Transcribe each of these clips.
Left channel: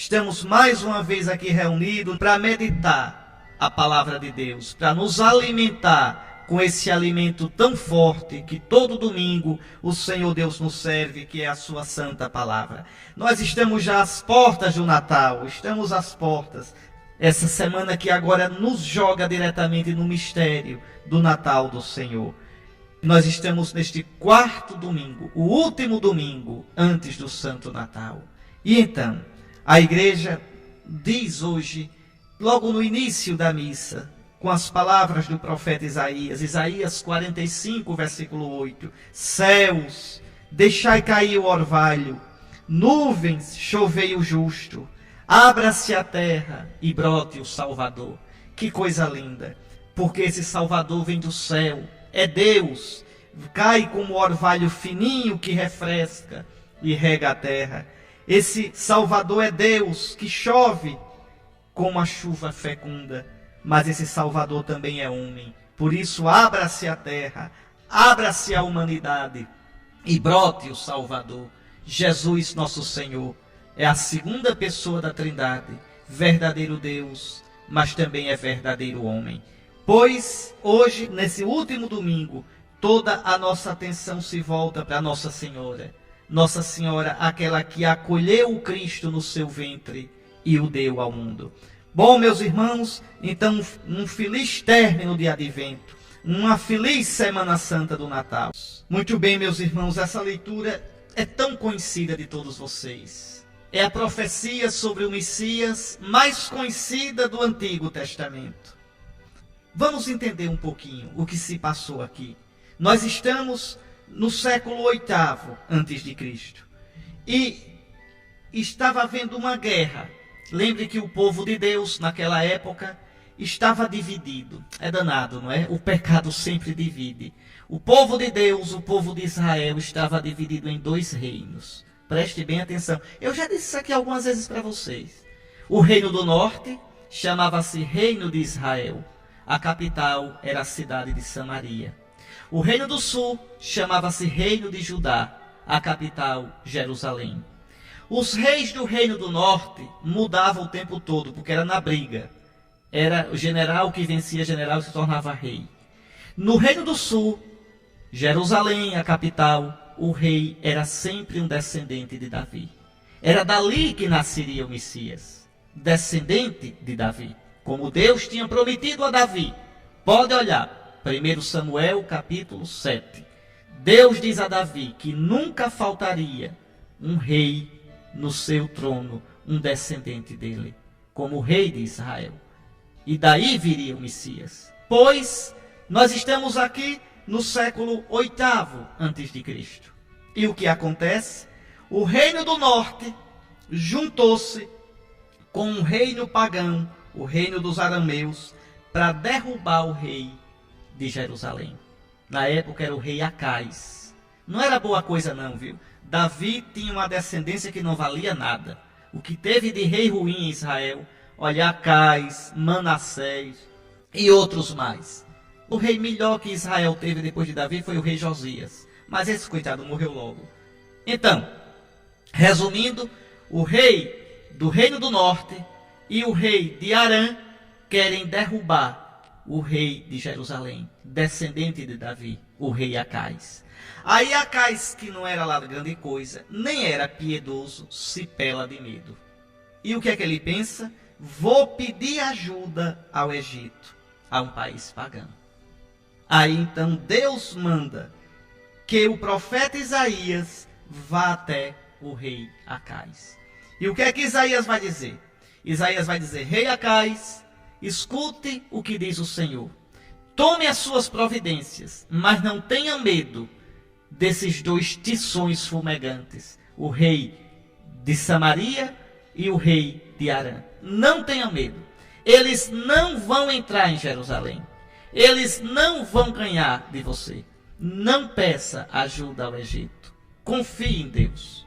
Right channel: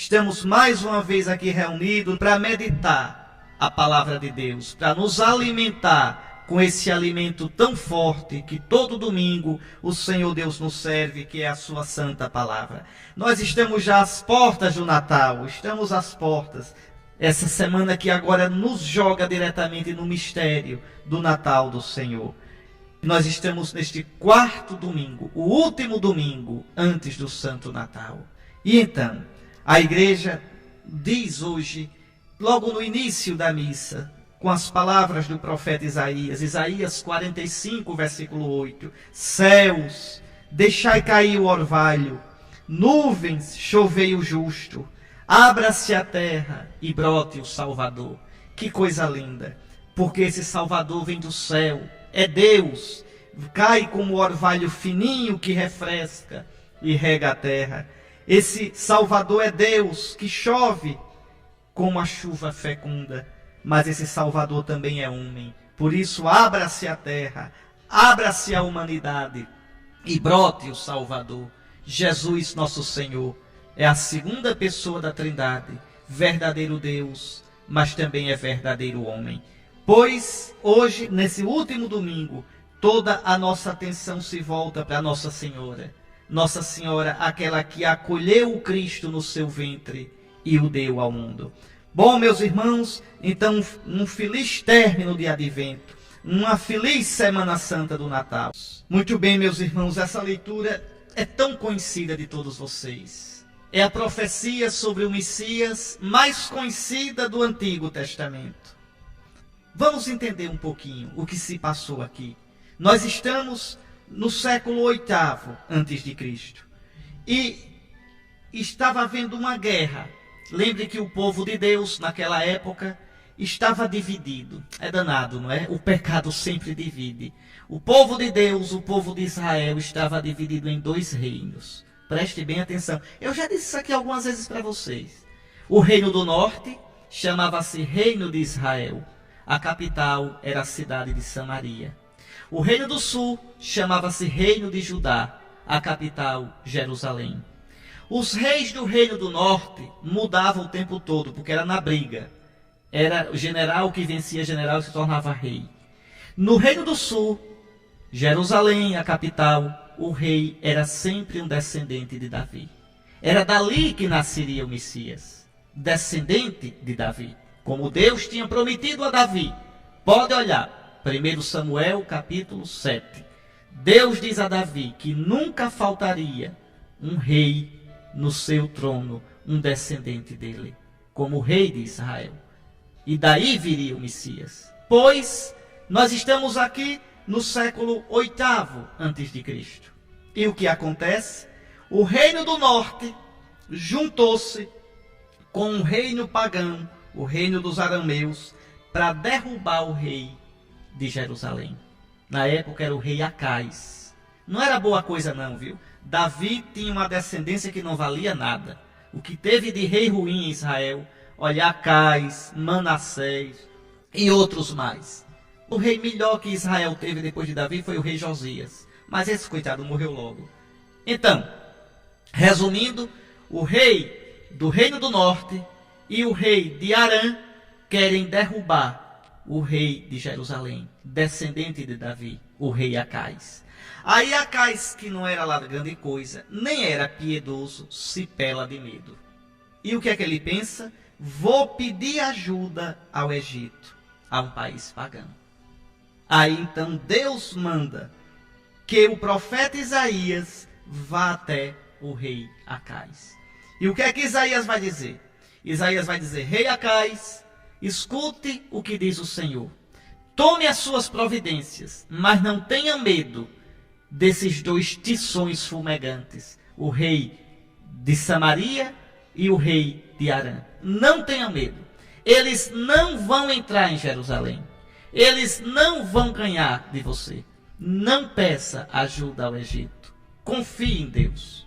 Estamos mais uma vez aqui reunidos para meditar a palavra de Deus, para nos alimentar com esse alimento tão forte que todo domingo o Senhor Deus nos serve, que é a sua santa palavra. Nós estamos já às portas do Natal, estamos às portas. Essa semana que agora nos joga diretamente no mistério do Natal do Senhor. Nós estamos neste quarto domingo, o último domingo antes do Santo Natal. E então, a igreja diz hoje, logo no início da missa, com as palavras do profeta Isaías, Isaías 45, versículo 8, céus, deixai cair o orvalho, nuvens, chovei o justo, abra-se a terra e brote o Salvador. Que coisa linda, porque esse Salvador vem do céu, é Deus, cai como orvalho fininho que refresca e rega a terra. Esse Salvador é Deus, que chove como a chuva fecunda, mas esse Salvador também é homem. Por isso, abra-se a terra, abra-se a humanidade e brote o Salvador. Jesus, nosso Senhor, é a segunda pessoa da Trindade, verdadeiro Deus, mas também é verdadeiro homem. Pois, hoje, nesse último domingo, toda a nossa atenção se volta para Nossa Senhora. Nossa Senhora, aquela que acolheu o Cristo no seu ventre e o deu ao mundo. Bom, meus irmãos, então um feliz término de Advento, uma feliz Semana Santa do Natal. Muito bem, meus irmãos, essa leitura é tão conhecida de todos vocês. É a profecia sobre o Messias mais conhecida do Antigo Testamento. Vamos entender um pouquinho o que se passou aqui. Nós estamos no século VIII a.C. e estava havendo uma guerra. Lembre que o povo de Deus, naquela época, estava dividido. É danado, não é? O pecado sempre divide. O povo de Deus, o povo de Israel, estava dividido em dois reinos. Preste bem atenção. Eu já disse isso aqui algumas vezes para vocês. O reino do norte chamava-se Reino de Israel. A capital era a cidade de Samaria. O reino do sul chamava-se Reino de Judá, a capital, Jerusalém. Os reis do reino do norte mudavam o tempo todo, porque era na briga. Era o general que vencia general e se tornava rei. No reino do sul, Jerusalém, a capital, o rei era sempre um descendente de Davi. Era dali que nasceria o Messias, descendente de Davi, como Deus tinha prometido a Davi. Pode olhar. 1 Samuel, capítulo 7. Deus diz a Davi que nunca faltaria um rei no seu trono, um descendente dele, como rei de Israel. E daí viria o Messias. Pois nós estamos aqui no século VIII a.C. E o que acontece? O reino do norte juntou-se com um reino pagão, o reino dos arameus, para derrubar o rei de Jerusalém. Na época era o rei Acais. Não era boa coisa não, viu? Davi tinha uma descendência que não valia nada. O que teve de rei ruim em Israel, olha, Acais, Manassés e outros mais. O rei melhor que Israel teve depois de Davi foi o rei Josias. Mas esse coitado morreu logo. Então, resumindo, o rei do reino do norte e o rei de Arã querem derrubar o rei de Jerusalém, descendente de Davi, o rei Acais. Aí Acais, que não era lá grande coisa, nem era piedoso, se pela de medo. E o que é que ele pensa? Vou pedir ajuda ao Egito, a um país pagão. Aí então Deus manda que o profeta Isaías vá até o rei Acais. E o que é que Isaías vai dizer? Isaías vai dizer: rei Acais, escute o que diz o Senhor. Tome as suas providências, mas não tenha medo desses dois tições fumegantes, o rei de Samaria e o rei de Arã. Não tenha medo. Eles não vão entrar em Jerusalém. Eles não vão ganhar de você. Não peça ajuda ao Egito. Confie em Deus.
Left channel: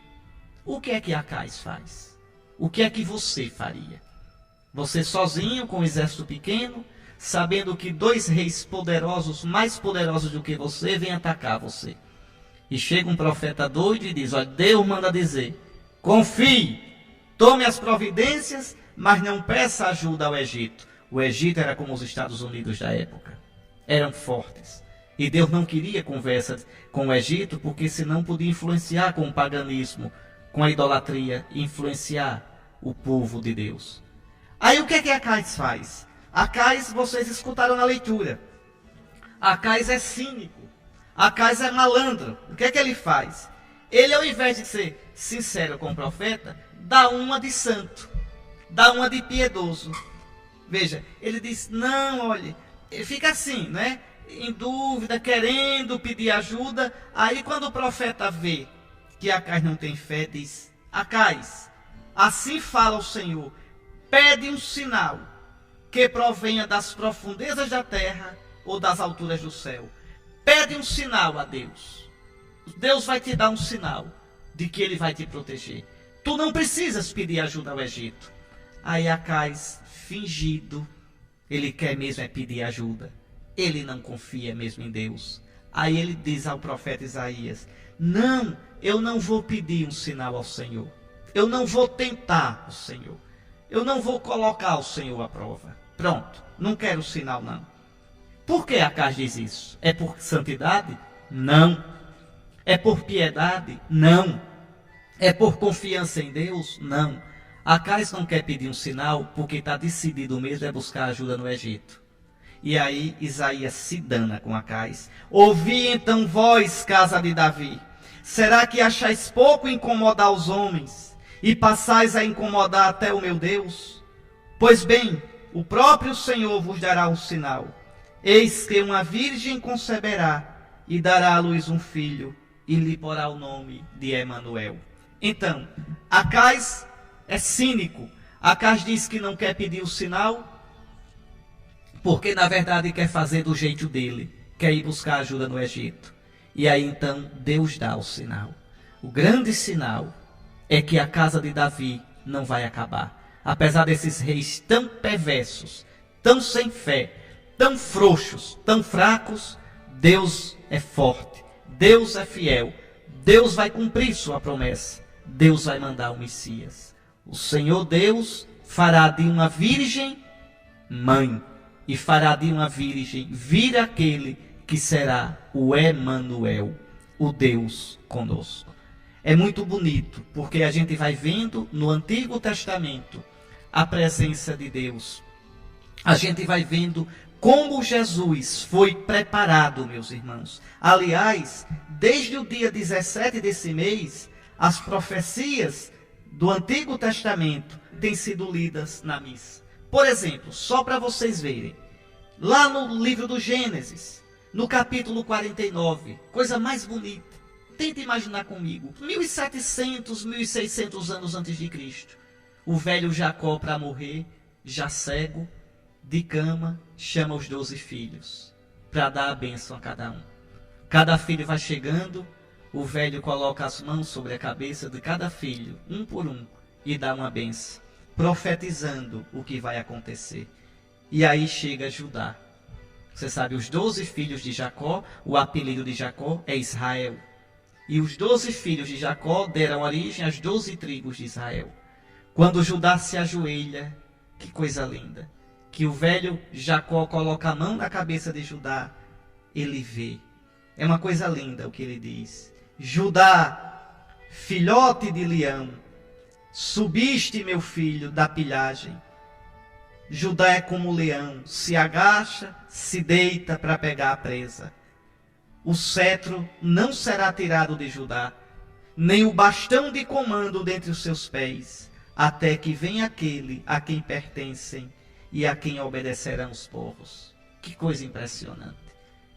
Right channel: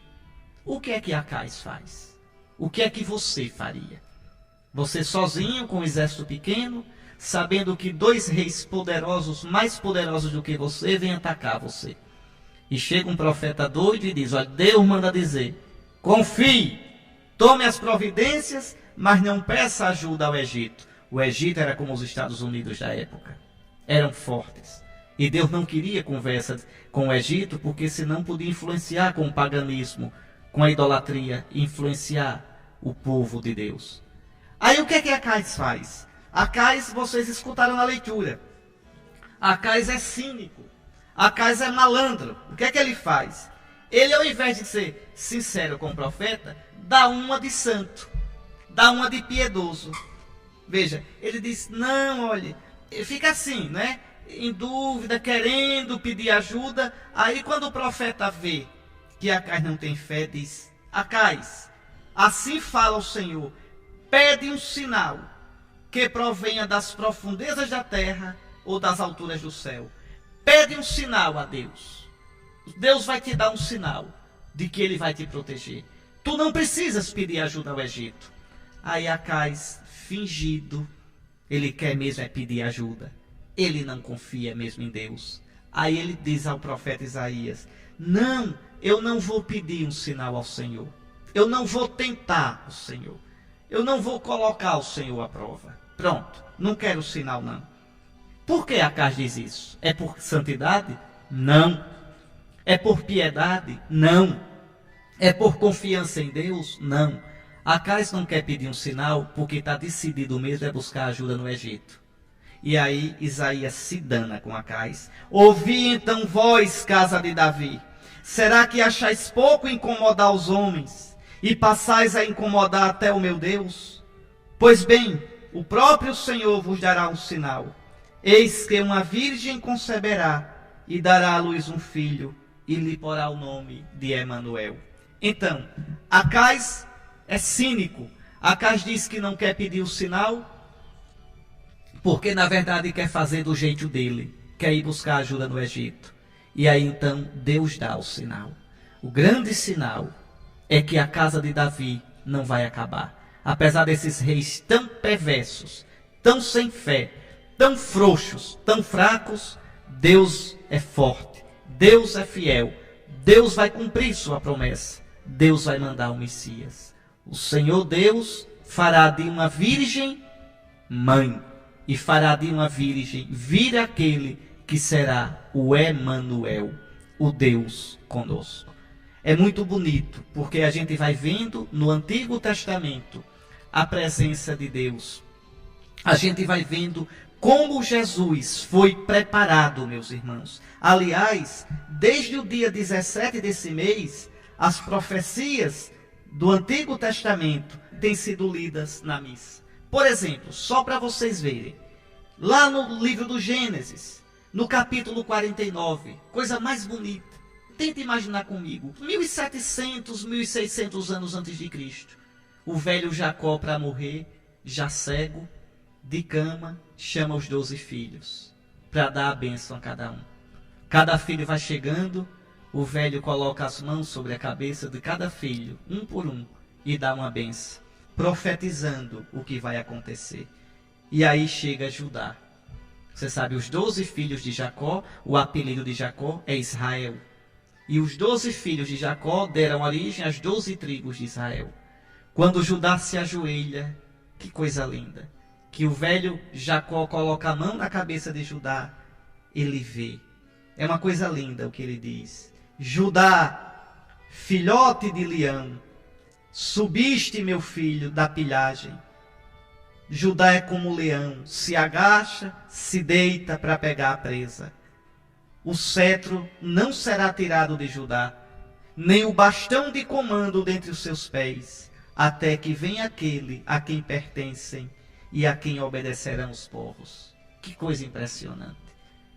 O que é que Acais faz? O que é que você faria? Você sozinho, com um exército pequeno, sabendo que dois reis poderosos, mais poderosos do que você, vêm atacar você. E chega um profeta doido e diz: olha, Deus manda dizer, confie, Tome as providências, mas não peça ajuda ao Egito. O Egito era como os Estados Unidos da época. Eram fortes. E Deus não queria conversa com o Egito, porque senão podia influenciar com o paganismo, com a idolatria, influenciar o povo de Deus. Aí o que é que Acais faz? Acais, vocês escutaram na leitura. Acais é cínico. Acais é malandro. O que é que ele faz? Ele, ao invés de ser sincero com o profeta, dá uma de santo, dá uma de piedoso. Veja, ele diz, não, olhe, fica assim, né? Em dúvida, querendo pedir ajuda. Aí quando o profeta vê que Acais não tem fé, diz, Acais, assim fala o Senhor, pede um sinal que provenha das profundezas da terra ou das alturas do céu. Pede um sinal a Deus. Deus vai te dar um sinal de que Ele vai te proteger. Tu não precisas pedir ajuda ao Egito. Aí Acais, fingido, ele quer mesmo é pedir ajuda. Ele não confia mesmo em Deus. Aí ele diz ao profeta Isaías, não, eu não vou pedir um sinal ao Senhor. Eu não vou tentar o Senhor. Eu não vou colocar o Senhor à prova. Pronto, não quero sinal não. Por que Acais diz isso? É por santidade? Não. É por piedade? Não. É por confiança em Deus? Não. Acais não quer pedir um sinal porque está decidido mesmo é buscar ajuda no Egito. E aí Isaías se dana com Acais. Ouvi então vós, casa de Davi. Será que achais pouco incomodar os homens e passais a incomodar até o meu Deus? Pois bem, o próprio Senhor vos dará um sinal. Eis que uma virgem conceberá e dará à luz um filho e lhe porá o nome de Emanuel. Então, Acais é cínico. Acais diz que não quer pedir o sinal, porque na verdade quer fazer do jeito dele, quer ir buscar ajuda no Egito. E aí então Deus dá o sinal. O grande sinal é que a casa de Davi não vai acabar. Apesar desses reis tão perversos, tão sem fé, tão frouxos, tão fracos, Deus é forte, Deus é fiel, Deus vai cumprir sua promessa, Deus vai mandar o Messias. O Senhor Deus fará de uma virgem mãe, e fará de uma virgem vir aquele que será o Emanuel, o Deus conosco. É muito bonito, porque a gente vai vendo no Antigo Testamento a presença de Deus. A gente vai vendo como Jesus foi preparado, meus irmãos. Aliás, desde o dia 17 desse mês, as profecias do Antigo Testamento têm sido lidas na missa. Por exemplo, só para vocês verem, lá no livro do Gênesis, no capítulo 49, coisa mais bonita. Tenta imaginar comigo, 1700, 1600 anos antes de Cristo, o velho Jacó para morrer, já cego, de cama, chama os 12 filhos, para dar a bênção a cada um. Cada filho vai chegando, o velho coloca as mãos sobre a cabeça de cada filho, um por um, e dá uma bênção, profetizando o que vai acontecer. E aí chega Judá. Você sabe, os 12 filhos de Jacó, o apelido de Jacó é Israel. E os 12 filhos de Jacó deram origem às 12 tribos de Israel. Quando Judá se ajoelha, que coisa linda, que o velho Jacó coloca a mão na cabeça de Judá, ele vê. É uma coisa linda o que ele diz. Judá, filhote de leão, subiste, meu filho, da pilhagem. Judá é como o leão, se agacha, se deita para pegar a presa. O cetro não será tirado de Judá, nem o bastão de comando dentre os seus pés, até que venha aquele a quem pertencem e a quem obedecerão os povos. Que coisa impressionante.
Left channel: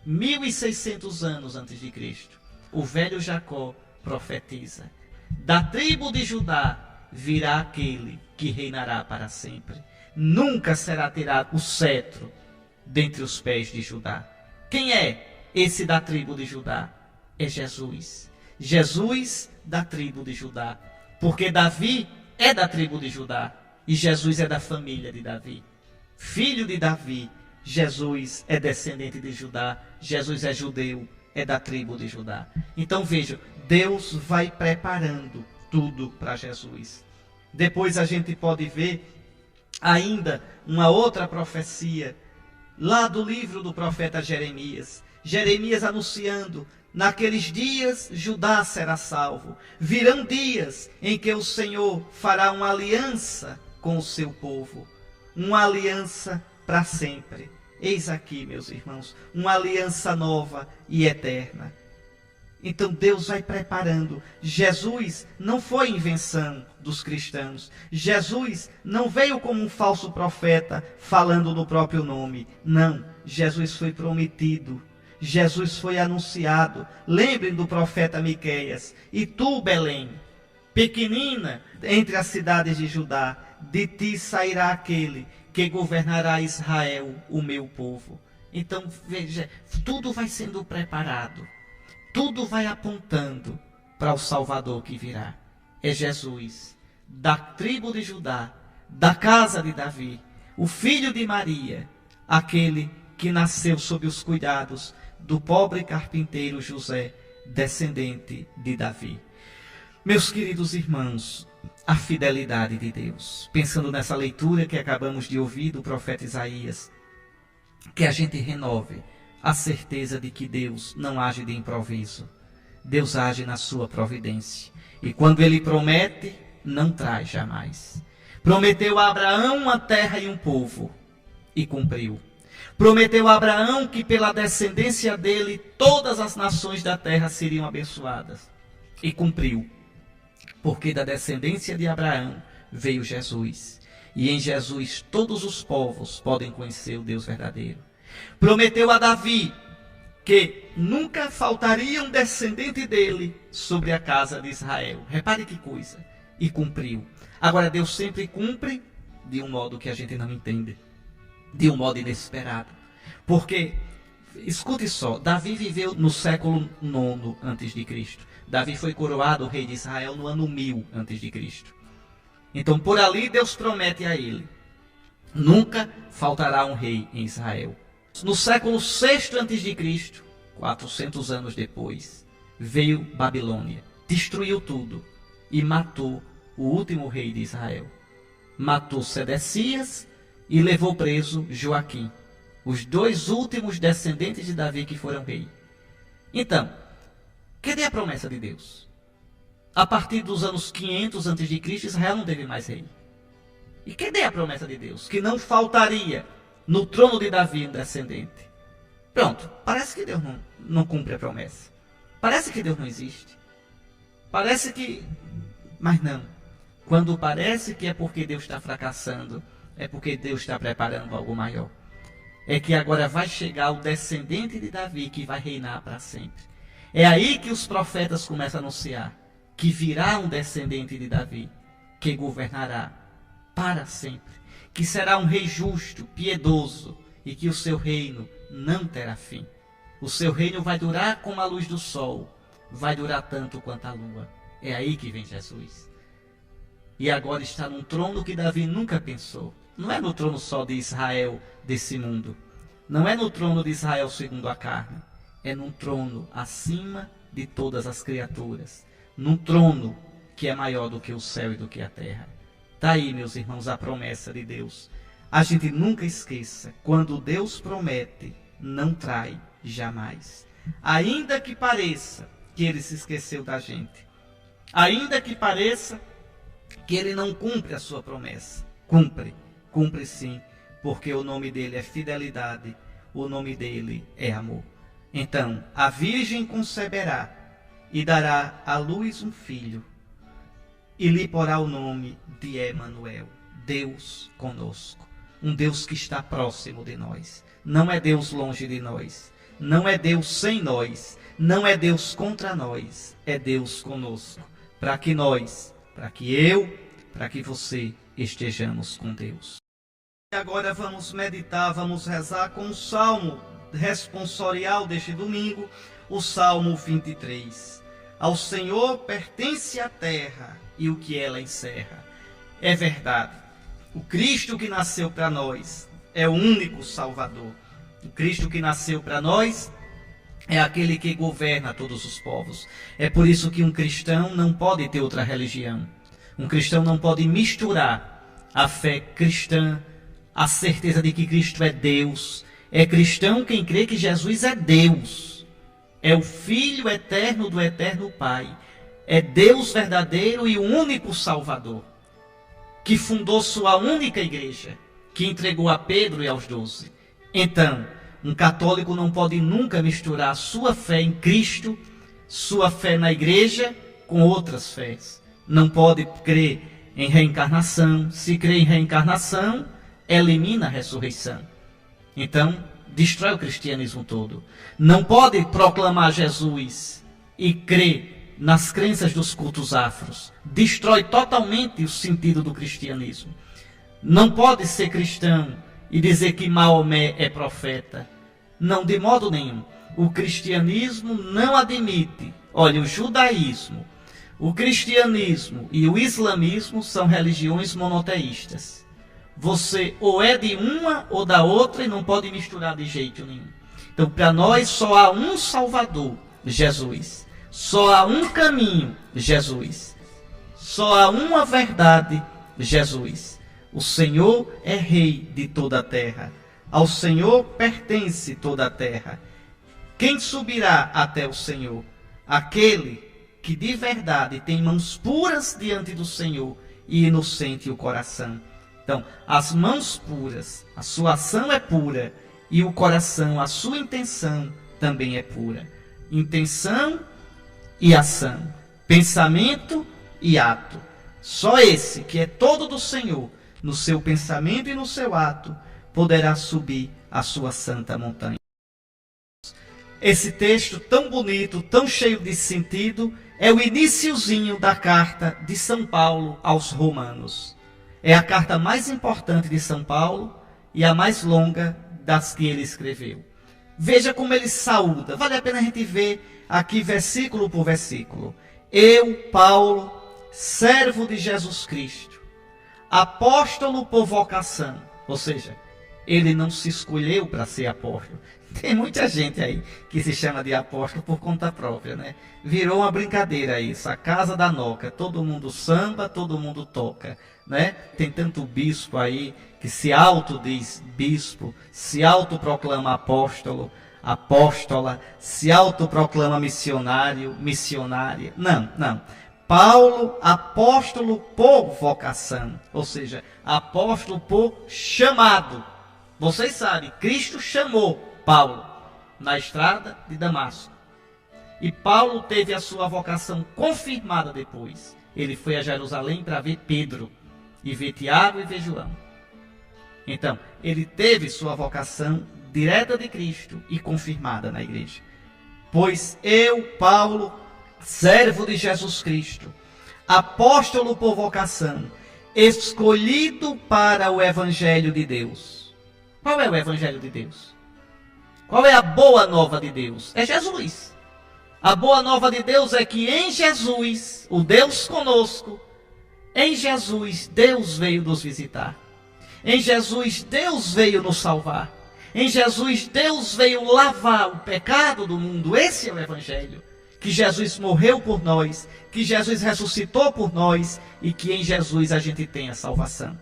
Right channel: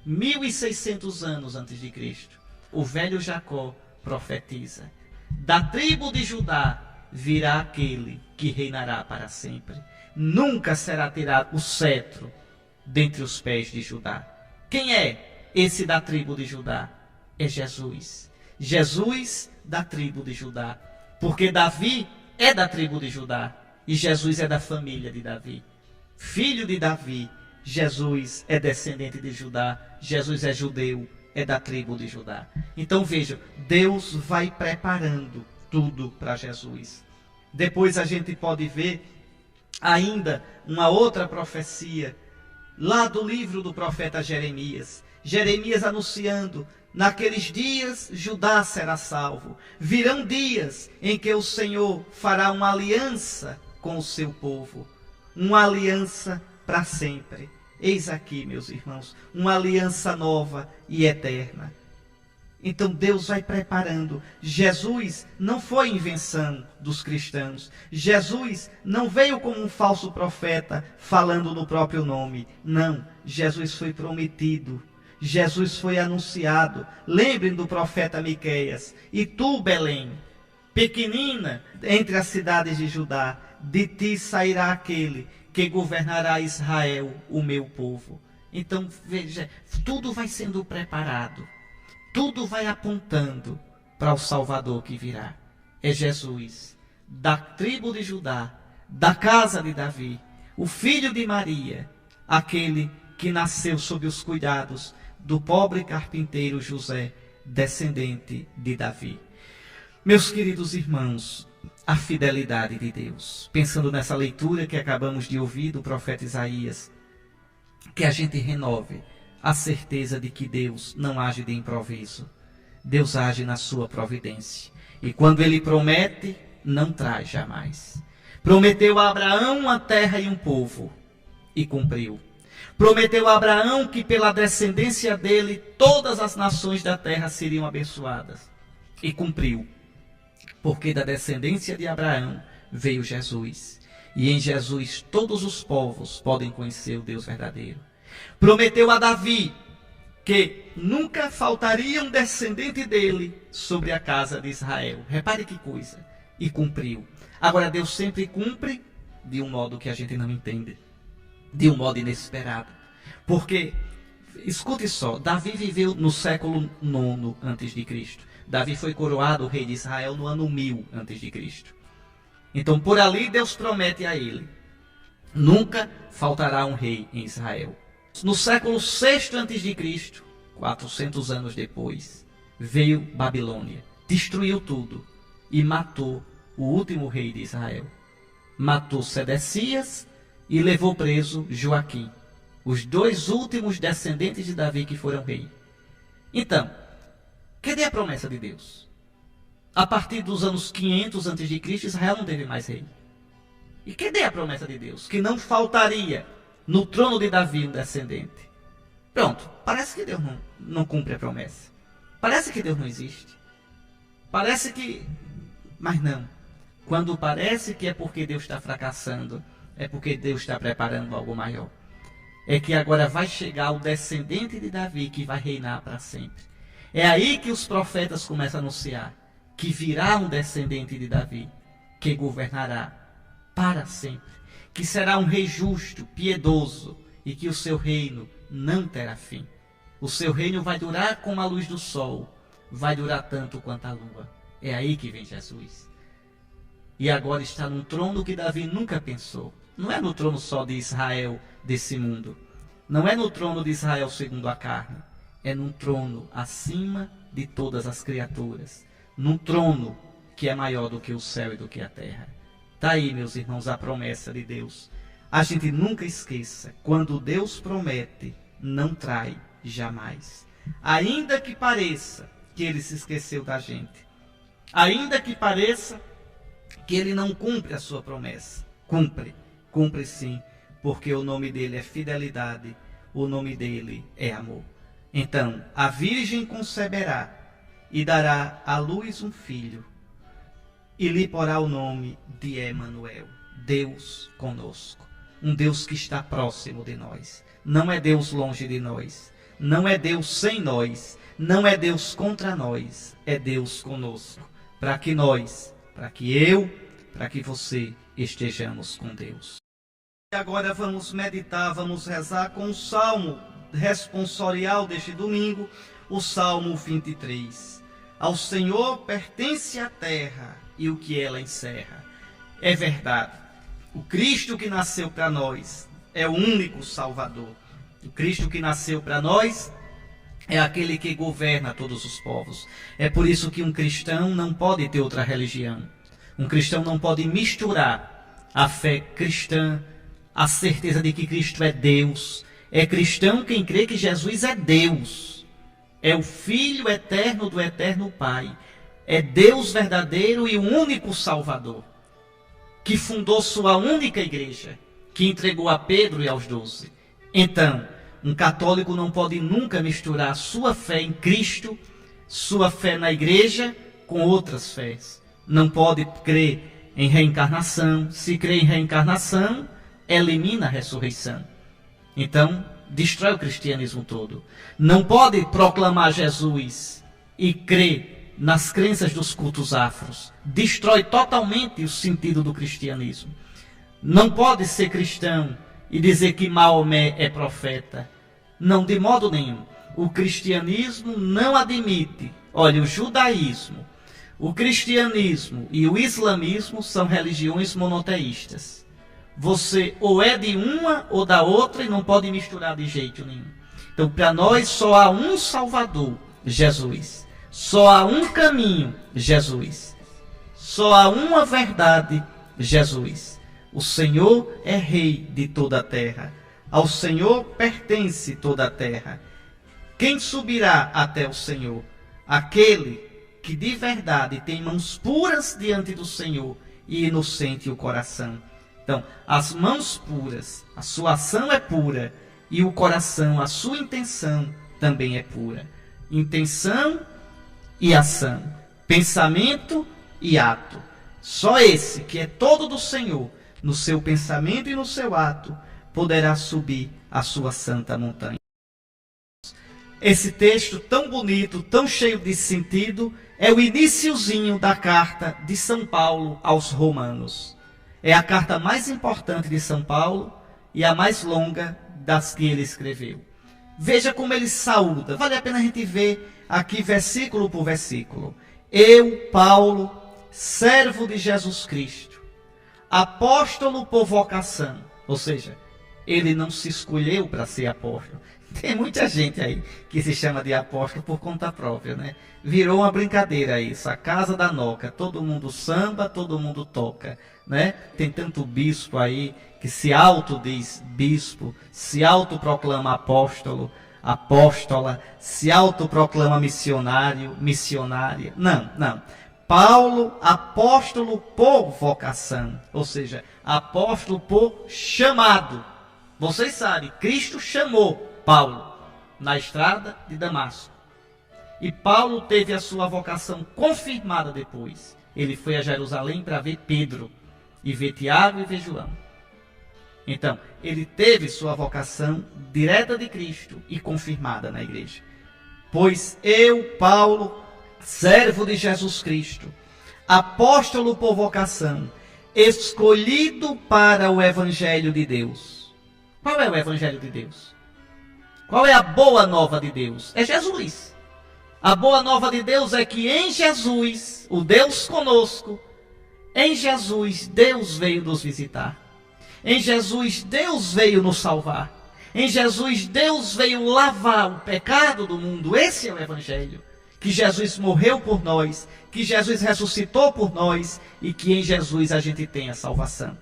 1600 anos antes de Cristo, o velho Jacó profetiza. Da tribo de Judá virá aquele que reinará para sempre. Nunca será tirado o cetro dentre os pés de Judá. Quem é esse da tribo de Judá? É Jesus. Jesus da tribo de Judá. Porque Davi é da tribo de Judá e Jesus é da família de Davi. Filho de Davi, Jesus é descendente de Judá, Jesus é judeu, é da tribo de Judá. Então veja, Deus vai preparando tudo para Jesus. Depois a gente pode ver ainda uma outra profecia, lá do livro do profeta Jeremias. Jeremias anunciando: naqueles dias Judá será salvo. Virão dias em que o Senhor fará uma aliança com o seu povo. Uma aliança para sempre. Eis aqui, meus irmãos, uma aliança nova e eterna. Então Deus vai preparando. Jesus não foi invenção dos cristãos. Jesus não veio como um falso profeta falando no próprio nome. Não, Jesus foi prometido. Jesus foi anunciado. Lembrem do profeta Miqueias: e tu, Belém, pequenina entre as cidades de Judá, de ti sairá aquele que governará Israel, o meu povo. Então, veja, tudo vai sendo preparado. Tudo vai apontando para o Salvador que virá. É Jesus, da tribo de Judá, da casa de Davi, o filho de Maria, aquele que nasceu sob os cuidados do pobre carpinteiro José, descendente de Davi. Meus queridos irmãos, a fidelidade de Deus. Pensando nessa leitura que acabamos de ouvir do profeta Isaías, que a gente renove a certeza de que Deus não age de improviso. Deus age na sua providência. E quando Ele promete, não traz jamais. Prometeu a Abraão uma terra e um povo, e cumpriu. Prometeu a Abraão que pela descendência dele todas as nações da terra seriam abençoadas, e cumpriu. Porque da descendência de Abraão veio Jesus. E em Jesus todos os povos podem conhecer o Deus verdadeiro. Prometeu a Davi que nunca faltaria um descendente dele sobre a casa de Israel. Repare que coisa. E cumpriu. Agora, Deus sempre cumpre de um modo que a gente não entende. De um modo inesperado. Porque, escute só, Davi viveu no século 9 a.C. Davi foi coroado rei de Israel no ano 1000 a.C. Então, por ali, Deus promete a ele: nunca faltará um rei em Israel. No século 6 a.C., 400 anos depois, veio Babilônia, destruiu tudo e matou o último rei de Israel. Matou Sedecias e levou preso Joaquim, os dois últimos descendentes de Davi que foram rei. Então, cadê a promessa de Deus? A partir dos anos 500 a.C., Israel não teve mais rei. E cadê a promessa de Deus? Que não faltaria no trono de Davi um descendente. Pronto, parece que Deus não cumpre a promessa. Parece que Deus não existe. Parece que... Mas não. Quando parece que é porque Deus está fracassando, é porque Deus está preparando algo maior. É que agora vai chegar o descendente de Davi que vai reinar para sempre. É aí que os profetas começam a anunciar que virá um descendente de Davi que governará para sempre. Que será um rei justo, piedoso, e que o seu reino não terá fim. O seu reino vai durar como a luz do sol, vai durar tanto quanto a lua. É aí que vem Jesus. E agora está num trono que Davi nunca pensou. Não é no trono só de Israel, desse mundo. Não é no trono de Israel segundo a carne. É num trono acima de todas as criaturas. Num trono que é maior do que o céu e do que a terra. Está aí, meus irmãos, a promessa de Deus. A gente nunca esqueça, quando Deus promete, não trai jamais. Ainda que pareça que Ele se esqueceu da gente. Ainda que pareça que Ele não cumpre a sua promessa. Cumpre sim, porque o nome dEle é fidelidade, o nome dEle é amor. Então, a Virgem conceberá e dará à luz um filho, e lhe porá o nome de Emanuel, Deus conosco. Um Deus que está próximo de nós. Não é Deus longe de nós. Não é Deus sem nós. Não é Deus contra nós. É Deus conosco. Para que nós, para que eu, para que você estejamos com Deus. Agora vamos meditar, vamos rezar com o salmo responsorial deste domingo, o Salmo 23. Ao Senhor pertence a terra e o que ela encerra. É verdade. O Cristo que nasceu para nós é o único Salvador. O Cristo que nasceu para nós é aquele que governa todos os povos. É por isso que um cristão não pode ter outra religião. Um cristão não pode misturar a fé cristã, a certeza de que Cristo é Deus. É cristão quem crê que Jesus é Deus. É o Filho eterno do eterno Pai. É Deus verdadeiro e o único Salvador, que fundou sua única igreja, que entregou a Pedro e aos 12. Então, um católico não pode nunca misturar sua fé em Cristo, sua fé na igreja, com outras fés. Não pode crer em reencarnação. Se crê em reencarnação, elimina a ressurreição. Então, destrói o cristianismo todo. Não pode proclamar Jesus e crer nas crenças dos cultos afros. Destrói totalmente o sentido do cristianismo. Não pode ser cristão e dizer que Maomé é profeta. Não, de modo nenhum. O cristianismo não admite. Olha, o judaísmo, o cristianismo e o islamismo são religiões monoteístas. Você ou é de uma ou da outra e não pode misturar de jeito nenhum. Então, para nós só há um Salvador, Jesus. Só há um caminho, Jesus. Só há uma verdade, Jesus. O Senhor é Rei de toda a terra. Ao Senhor pertence toda a terra. Quem subirá até o Senhor? Aquele que de verdade tem mãos puras diante do Senhor e inocente o coração. Então, as mãos puras, a sua ação é pura, e o coração, a sua intenção também é pura. Intenção e ação, pensamento e ato. Só esse, que é todo do Senhor, no seu pensamento e no seu ato, poderá subir a sua santa montanha. Esse texto tão bonito, tão cheio de sentido, é o iniciozinho da carta de São Paulo aos Romanos. É a carta mais importante de São Paulo e a mais longa das que ele escreveu. Veja como ele saúda. Vale a pena a gente ver aqui versículo por versículo. Eu, Paulo, servo de Jesus Cristo, apóstolo por vocação. Ou seja, ele não se escolheu para ser apóstolo. Tem muita gente aí que se chama de apóstolo por conta própria, né? Virou uma brincadeira isso, a casa da Noca. Todo mundo samba, todo mundo toca, né? Tem tanto bispo aí que se autodiz bispo, se autoproclama apóstolo, apóstola, se autoproclama missionário, missionária. Não, não. Paulo, apóstolo por vocação, ou seja, apóstolo por chamado. Vocês sabem, Cristo chamou Paulo na estrada de Damasco. E Paulo teve a sua vocação confirmada depois. Ele foi a Jerusalém para ver Pedro, e ver Tiago e ver João. Então, ele teve sua vocação direta de Cristo e confirmada na igreja. Pois eu, Paulo, servo de Jesus Cristo, apóstolo por vocação, escolhido para o Evangelho de Deus. Qual é o Evangelho de Deus? Qual é a boa nova de Deus? É Jesus. A boa nova de Deus é que em Jesus, o Deus conosco, em Jesus, Deus veio nos visitar. Em Jesus, Deus veio nos salvar. Em Jesus, Deus veio lavar o pecado do mundo. Esse é o Evangelho. Que Jesus morreu por nós, que Jesus ressuscitou por nós e que em Jesus a gente tem a salvação.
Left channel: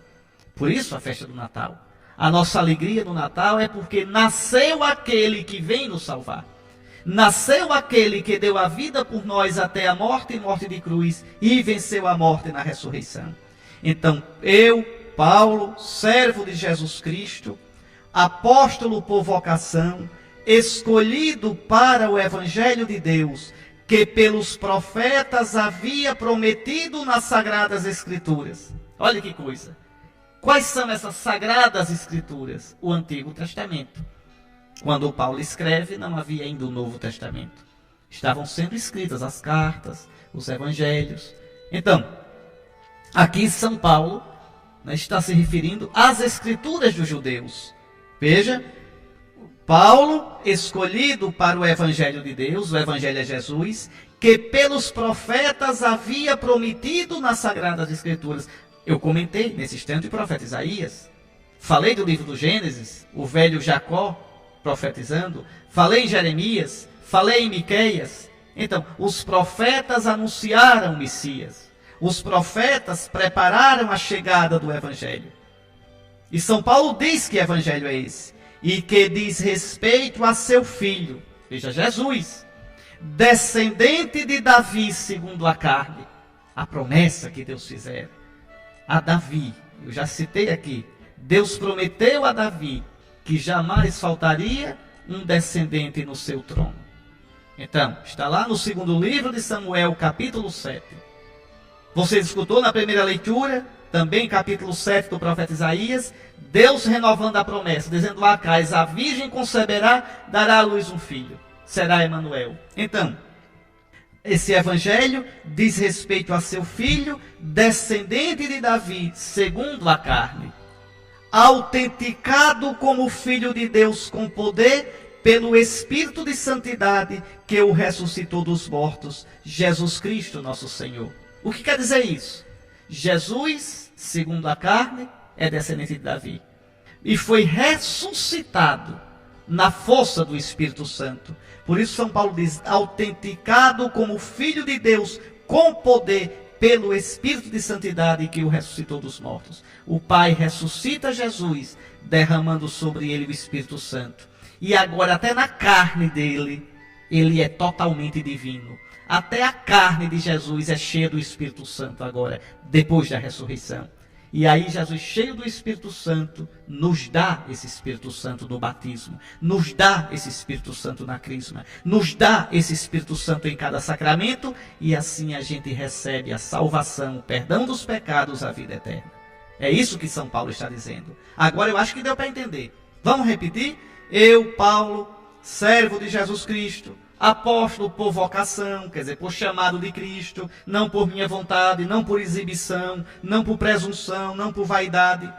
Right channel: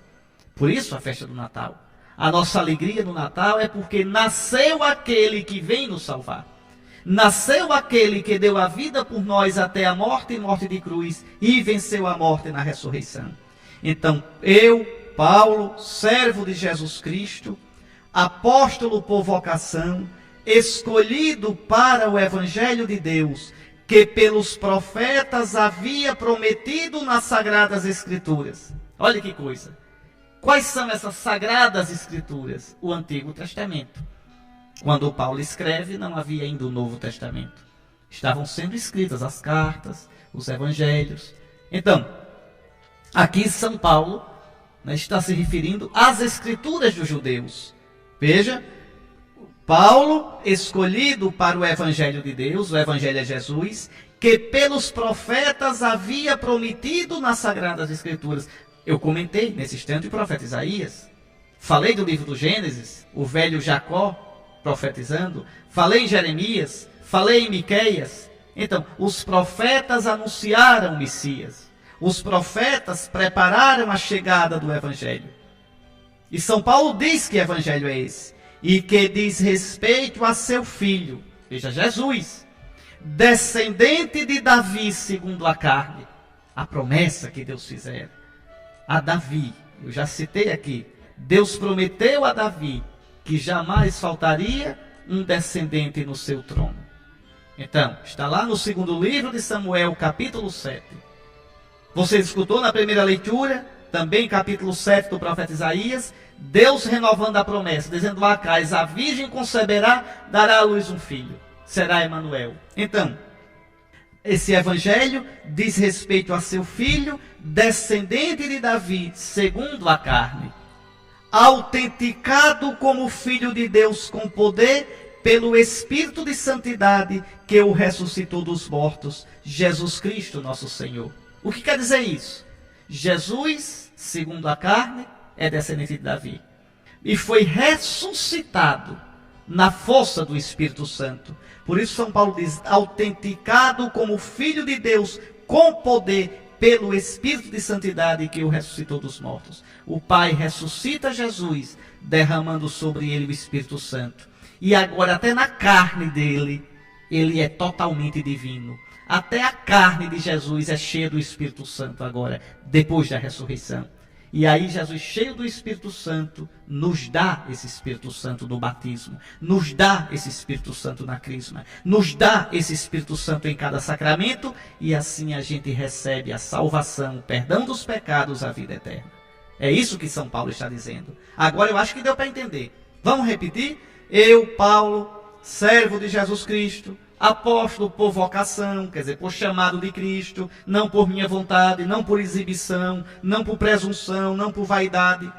Por isso a festa do Natal. A nossa alegria no Natal é porque nasceu aquele que vem nos salvar. Nasceu aquele que deu a vida por nós até a morte e morte de cruz e venceu a morte na ressurreição. Então, eu, Paulo, servo de Jesus Cristo, apóstolo por vocação, escolhido para o Evangelho de Deus, que pelos profetas havia prometido nas Sagradas Escrituras. Olha que coisa. Quais são essas Sagradas Escrituras? O Antigo Testamento. Quando Paulo escreve, não havia ainda o Novo Testamento. Estavam sendo escritas as cartas, os evangelhos. Então, aqui São Paulo, né, está se referindo às Escrituras dos judeus. Veja, Paulo, escolhido para o Evangelho de Deus, o Evangelho é Jesus, que pelos profetas havia prometido nas Sagradas Escrituras. Eu comentei nesse instante o profeta Isaías. Falei do livro do Gênesis, o velho Jacó profetizando. Falei em Jeremias, falei em Miqueias. Então, os profetas anunciaram o Messias. os profetas prepararam a chegada do Evangelho. E São Paulo diz que Evangelho é esse, e que diz respeito a seu filho, veja, Jesus, descendente de Davi segundo a carne, a promessa que Deus fizera a Davi. Eu já citei aqui, Deus prometeu a Davi que jamais faltaria um descendente no seu trono. Então, está lá no segundo livro de Samuel, capítulo 7. Você escutou na primeira leitura, também capítulo 7 do profeta Isaías, Deus renovando a promessa, dizendo a Acais, a virgem conceberá, dará à luz um filho, será Emanuel. Então, esse evangelho diz respeito a seu filho, descendente de Davi, segundo a carne, autenticado como filho de Deus com poder, pelo Espírito de santidade que o ressuscitou dos mortos, Jesus Cristo nosso Senhor. O que quer dizer isso? Jesus, segundo a carne, é descendente de Davi. E foi ressuscitado na força do Espírito Santo. Por isso São Paulo diz, autenticado como filho de Deus, com poder, pelo Espírito de santidade que o ressuscitou dos mortos. O Pai ressuscita Jesus, derramando sobre ele o Espírito Santo. E agora até na carne dele, ele é totalmente divino. Até a carne de Jesus é cheia do Espírito Santo agora, depois da ressurreição. E aí Jesus, cheio do Espírito Santo, nos dá esse Espírito Santo do batismo, nos dá esse Espírito Santo na crisma, nos dá esse Espírito Santo em cada sacramento, e assim a gente recebe a salvação, o perdão dos pecados, a vida eterna. É isso que São Paulo está dizendo. Agora eu acho que deu para entender. Vamos repetir? Eu, Paulo, servo de Jesus Cristo, apóstolo por vocação, quer dizer, por chamado de Cristo, não por minha vontade, não por exibição, não por presunção, não por vaidade,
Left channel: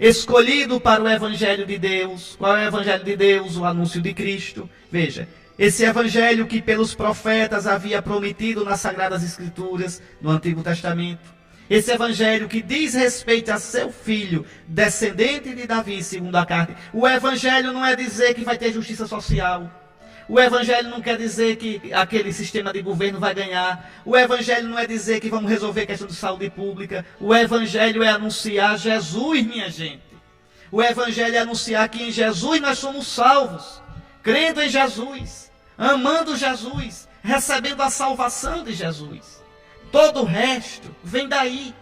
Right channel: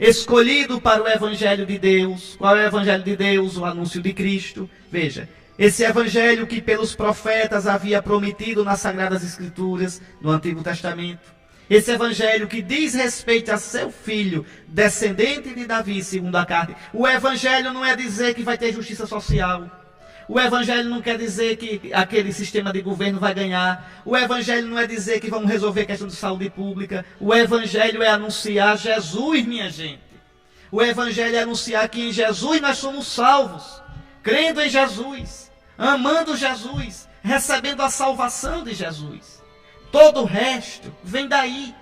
escolhido para o Evangelho de Deus. Qual é o Evangelho de Deus? O anúncio de Cristo. Veja, esse Evangelho que pelos profetas havia prometido nas Sagradas Escrituras, no Antigo Testamento. Esse Evangelho que diz respeito a seu filho, descendente de Davi, segundo a carne. O Evangelho não é dizer que vai ter justiça social. O Evangelho não quer dizer que aquele sistema de governo vai ganhar. O Evangelho não é dizer que vamos resolver a questão de saúde pública. O Evangelho é anunciar Jesus, minha gente. O Evangelho é anunciar que em Jesus nós somos salvos. Crendo em Jesus, amando Jesus, recebendo a salvação de Jesus. Todo o resto vem daí.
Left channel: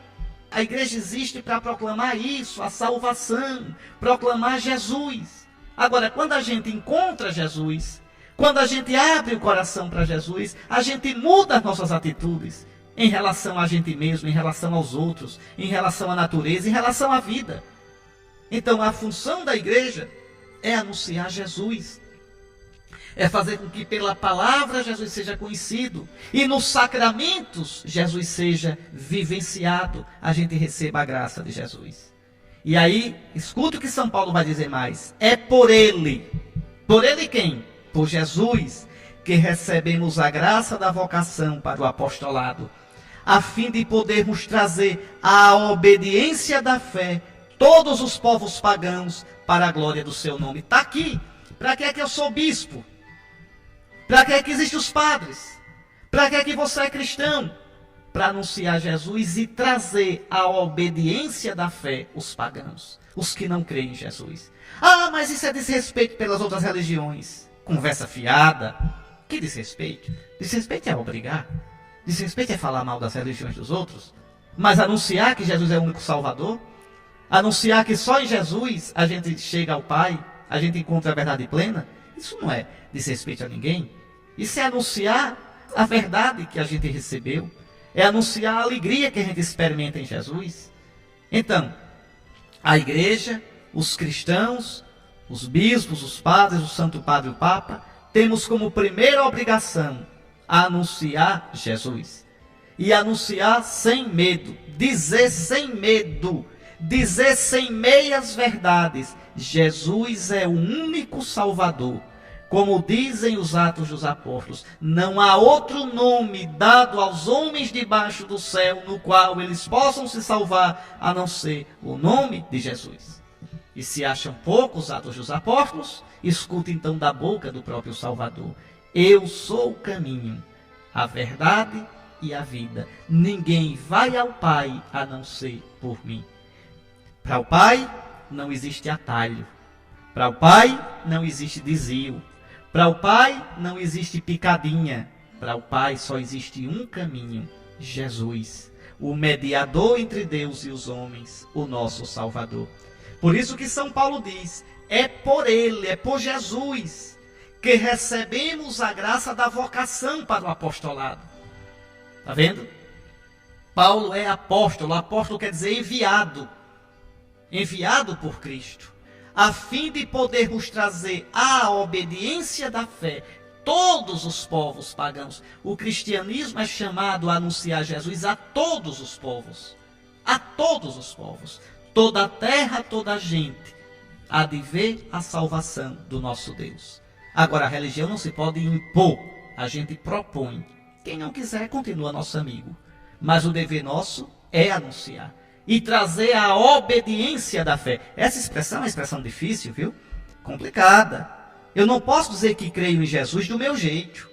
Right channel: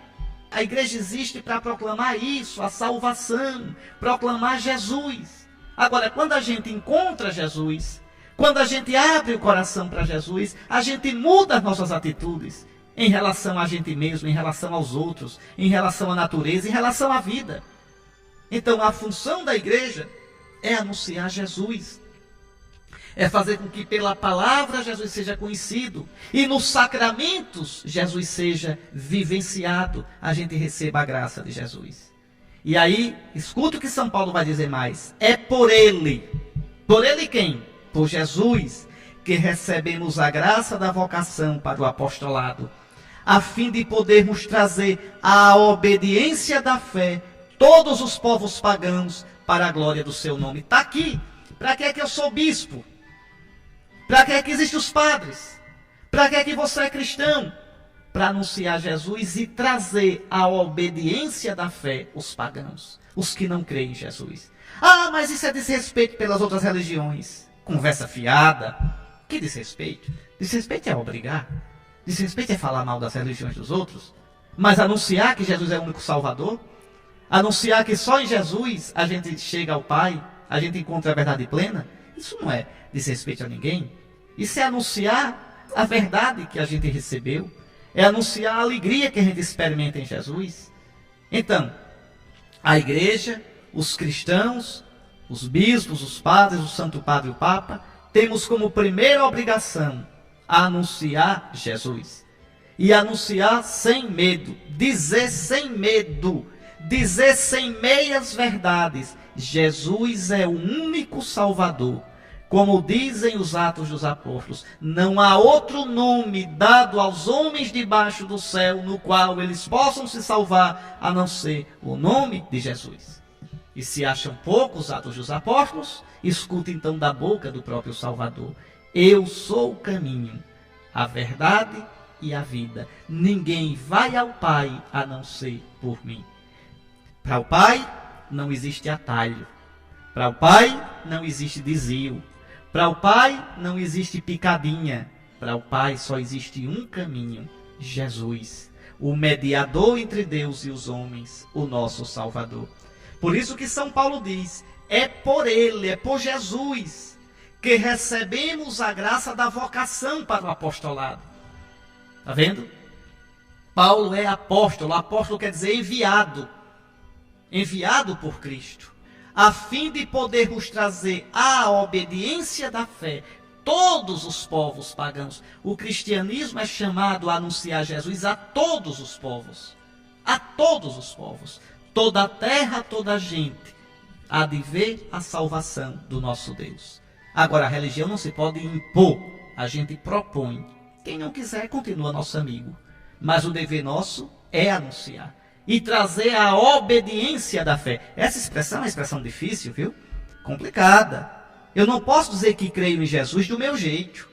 A igreja existe para proclamar isso, a salvação, proclamar Jesus. Agora, quando a gente encontra Jesus, quando a gente abre o coração para Jesus, a gente muda as nossas atitudes em relação a gente mesmo, em relação aos outros, em relação à natureza, em relação à vida. Então, a função da igreja é anunciar Jesus. É fazer com que pela palavra Jesus seja conhecido. E nos sacramentos Jesus seja vivenciado. A gente receba a graça de Jesus. E aí, escuta o que São Paulo vai dizer mais. É por ele. Por ele quem? Por Jesus, que recebemos a graça da vocação para o apostolado, a fim de podermos trazer à obediência da fé todos os povos pagãos para a glória do seu nome. Está aqui. Para que é que eu sou bispo? Para que é que existem os padres? Para que é que você é cristão? Para anunciar Jesus e trazer à obediência da fé os pagãos, os que não creem em Jesus. Ah, mas isso é desrespeito pelas outras religiões. Conversa fiada. Que desrespeito? Desrespeito é obrigar. Desrespeito é falar mal das religiões dos outros. Mas anunciar que Jesus é o único Salvador, anunciar que só em Jesus a gente chega ao Pai, a gente encontra a verdade plena, isso não é desrespeito a ninguém. Isso é anunciar a verdade que a gente recebeu, é anunciar a alegria que a gente experimenta em Jesus. Então, a igreja, os cristãos, os bispos, os padres, o Santo Padre e o Papa, temos como primeira obrigação a anunciar Jesus. E anunciar sem medo, dizer sem medo, dizer sem meias verdades, Jesus é o único Salvador. Como dizem os Atos dos Apóstolos, não há outro nome dado aos homens debaixo do céu no qual eles possam se salvar, a não ser o nome de Jesus. E se acham poucos Atos dos Apóstolos, escuta então da boca do próprio Salvador. Eu sou o caminho, a verdade e a vida. Ninguém vai ao Pai a não ser por mim. Para o Pai não existe atalho. Para o Pai não existe desvio. Para o Pai não existe picadinha. Para o Pai só existe um caminho: Jesus, o mediador entre Deus e os homens, o nosso Salvador. Por isso que São Paulo diz: é por Ele, é por Jesus, que recebemos a graça da vocação para o apostolado. Está vendo? Paulo é apóstolo. Apóstolo quer dizer enviado. Enviado por Cristo, a fim de podermos trazer à obediência da fé todos os povos pagãos. O cristianismo é chamado a anunciar Jesus a todos os povos. A todos os povos. Toda a terra, toda a gente há de ver a salvação do nosso Deus. Agora, a religião não se pode impor, a gente propõe. Quem não quiser, continua nosso amigo. Mas o dever nosso é anunciar e trazer a obediência da fé. Essa expressão é uma expressão difícil, viu? Complicada. Eu não posso dizer que creio em Jesus do meu jeito.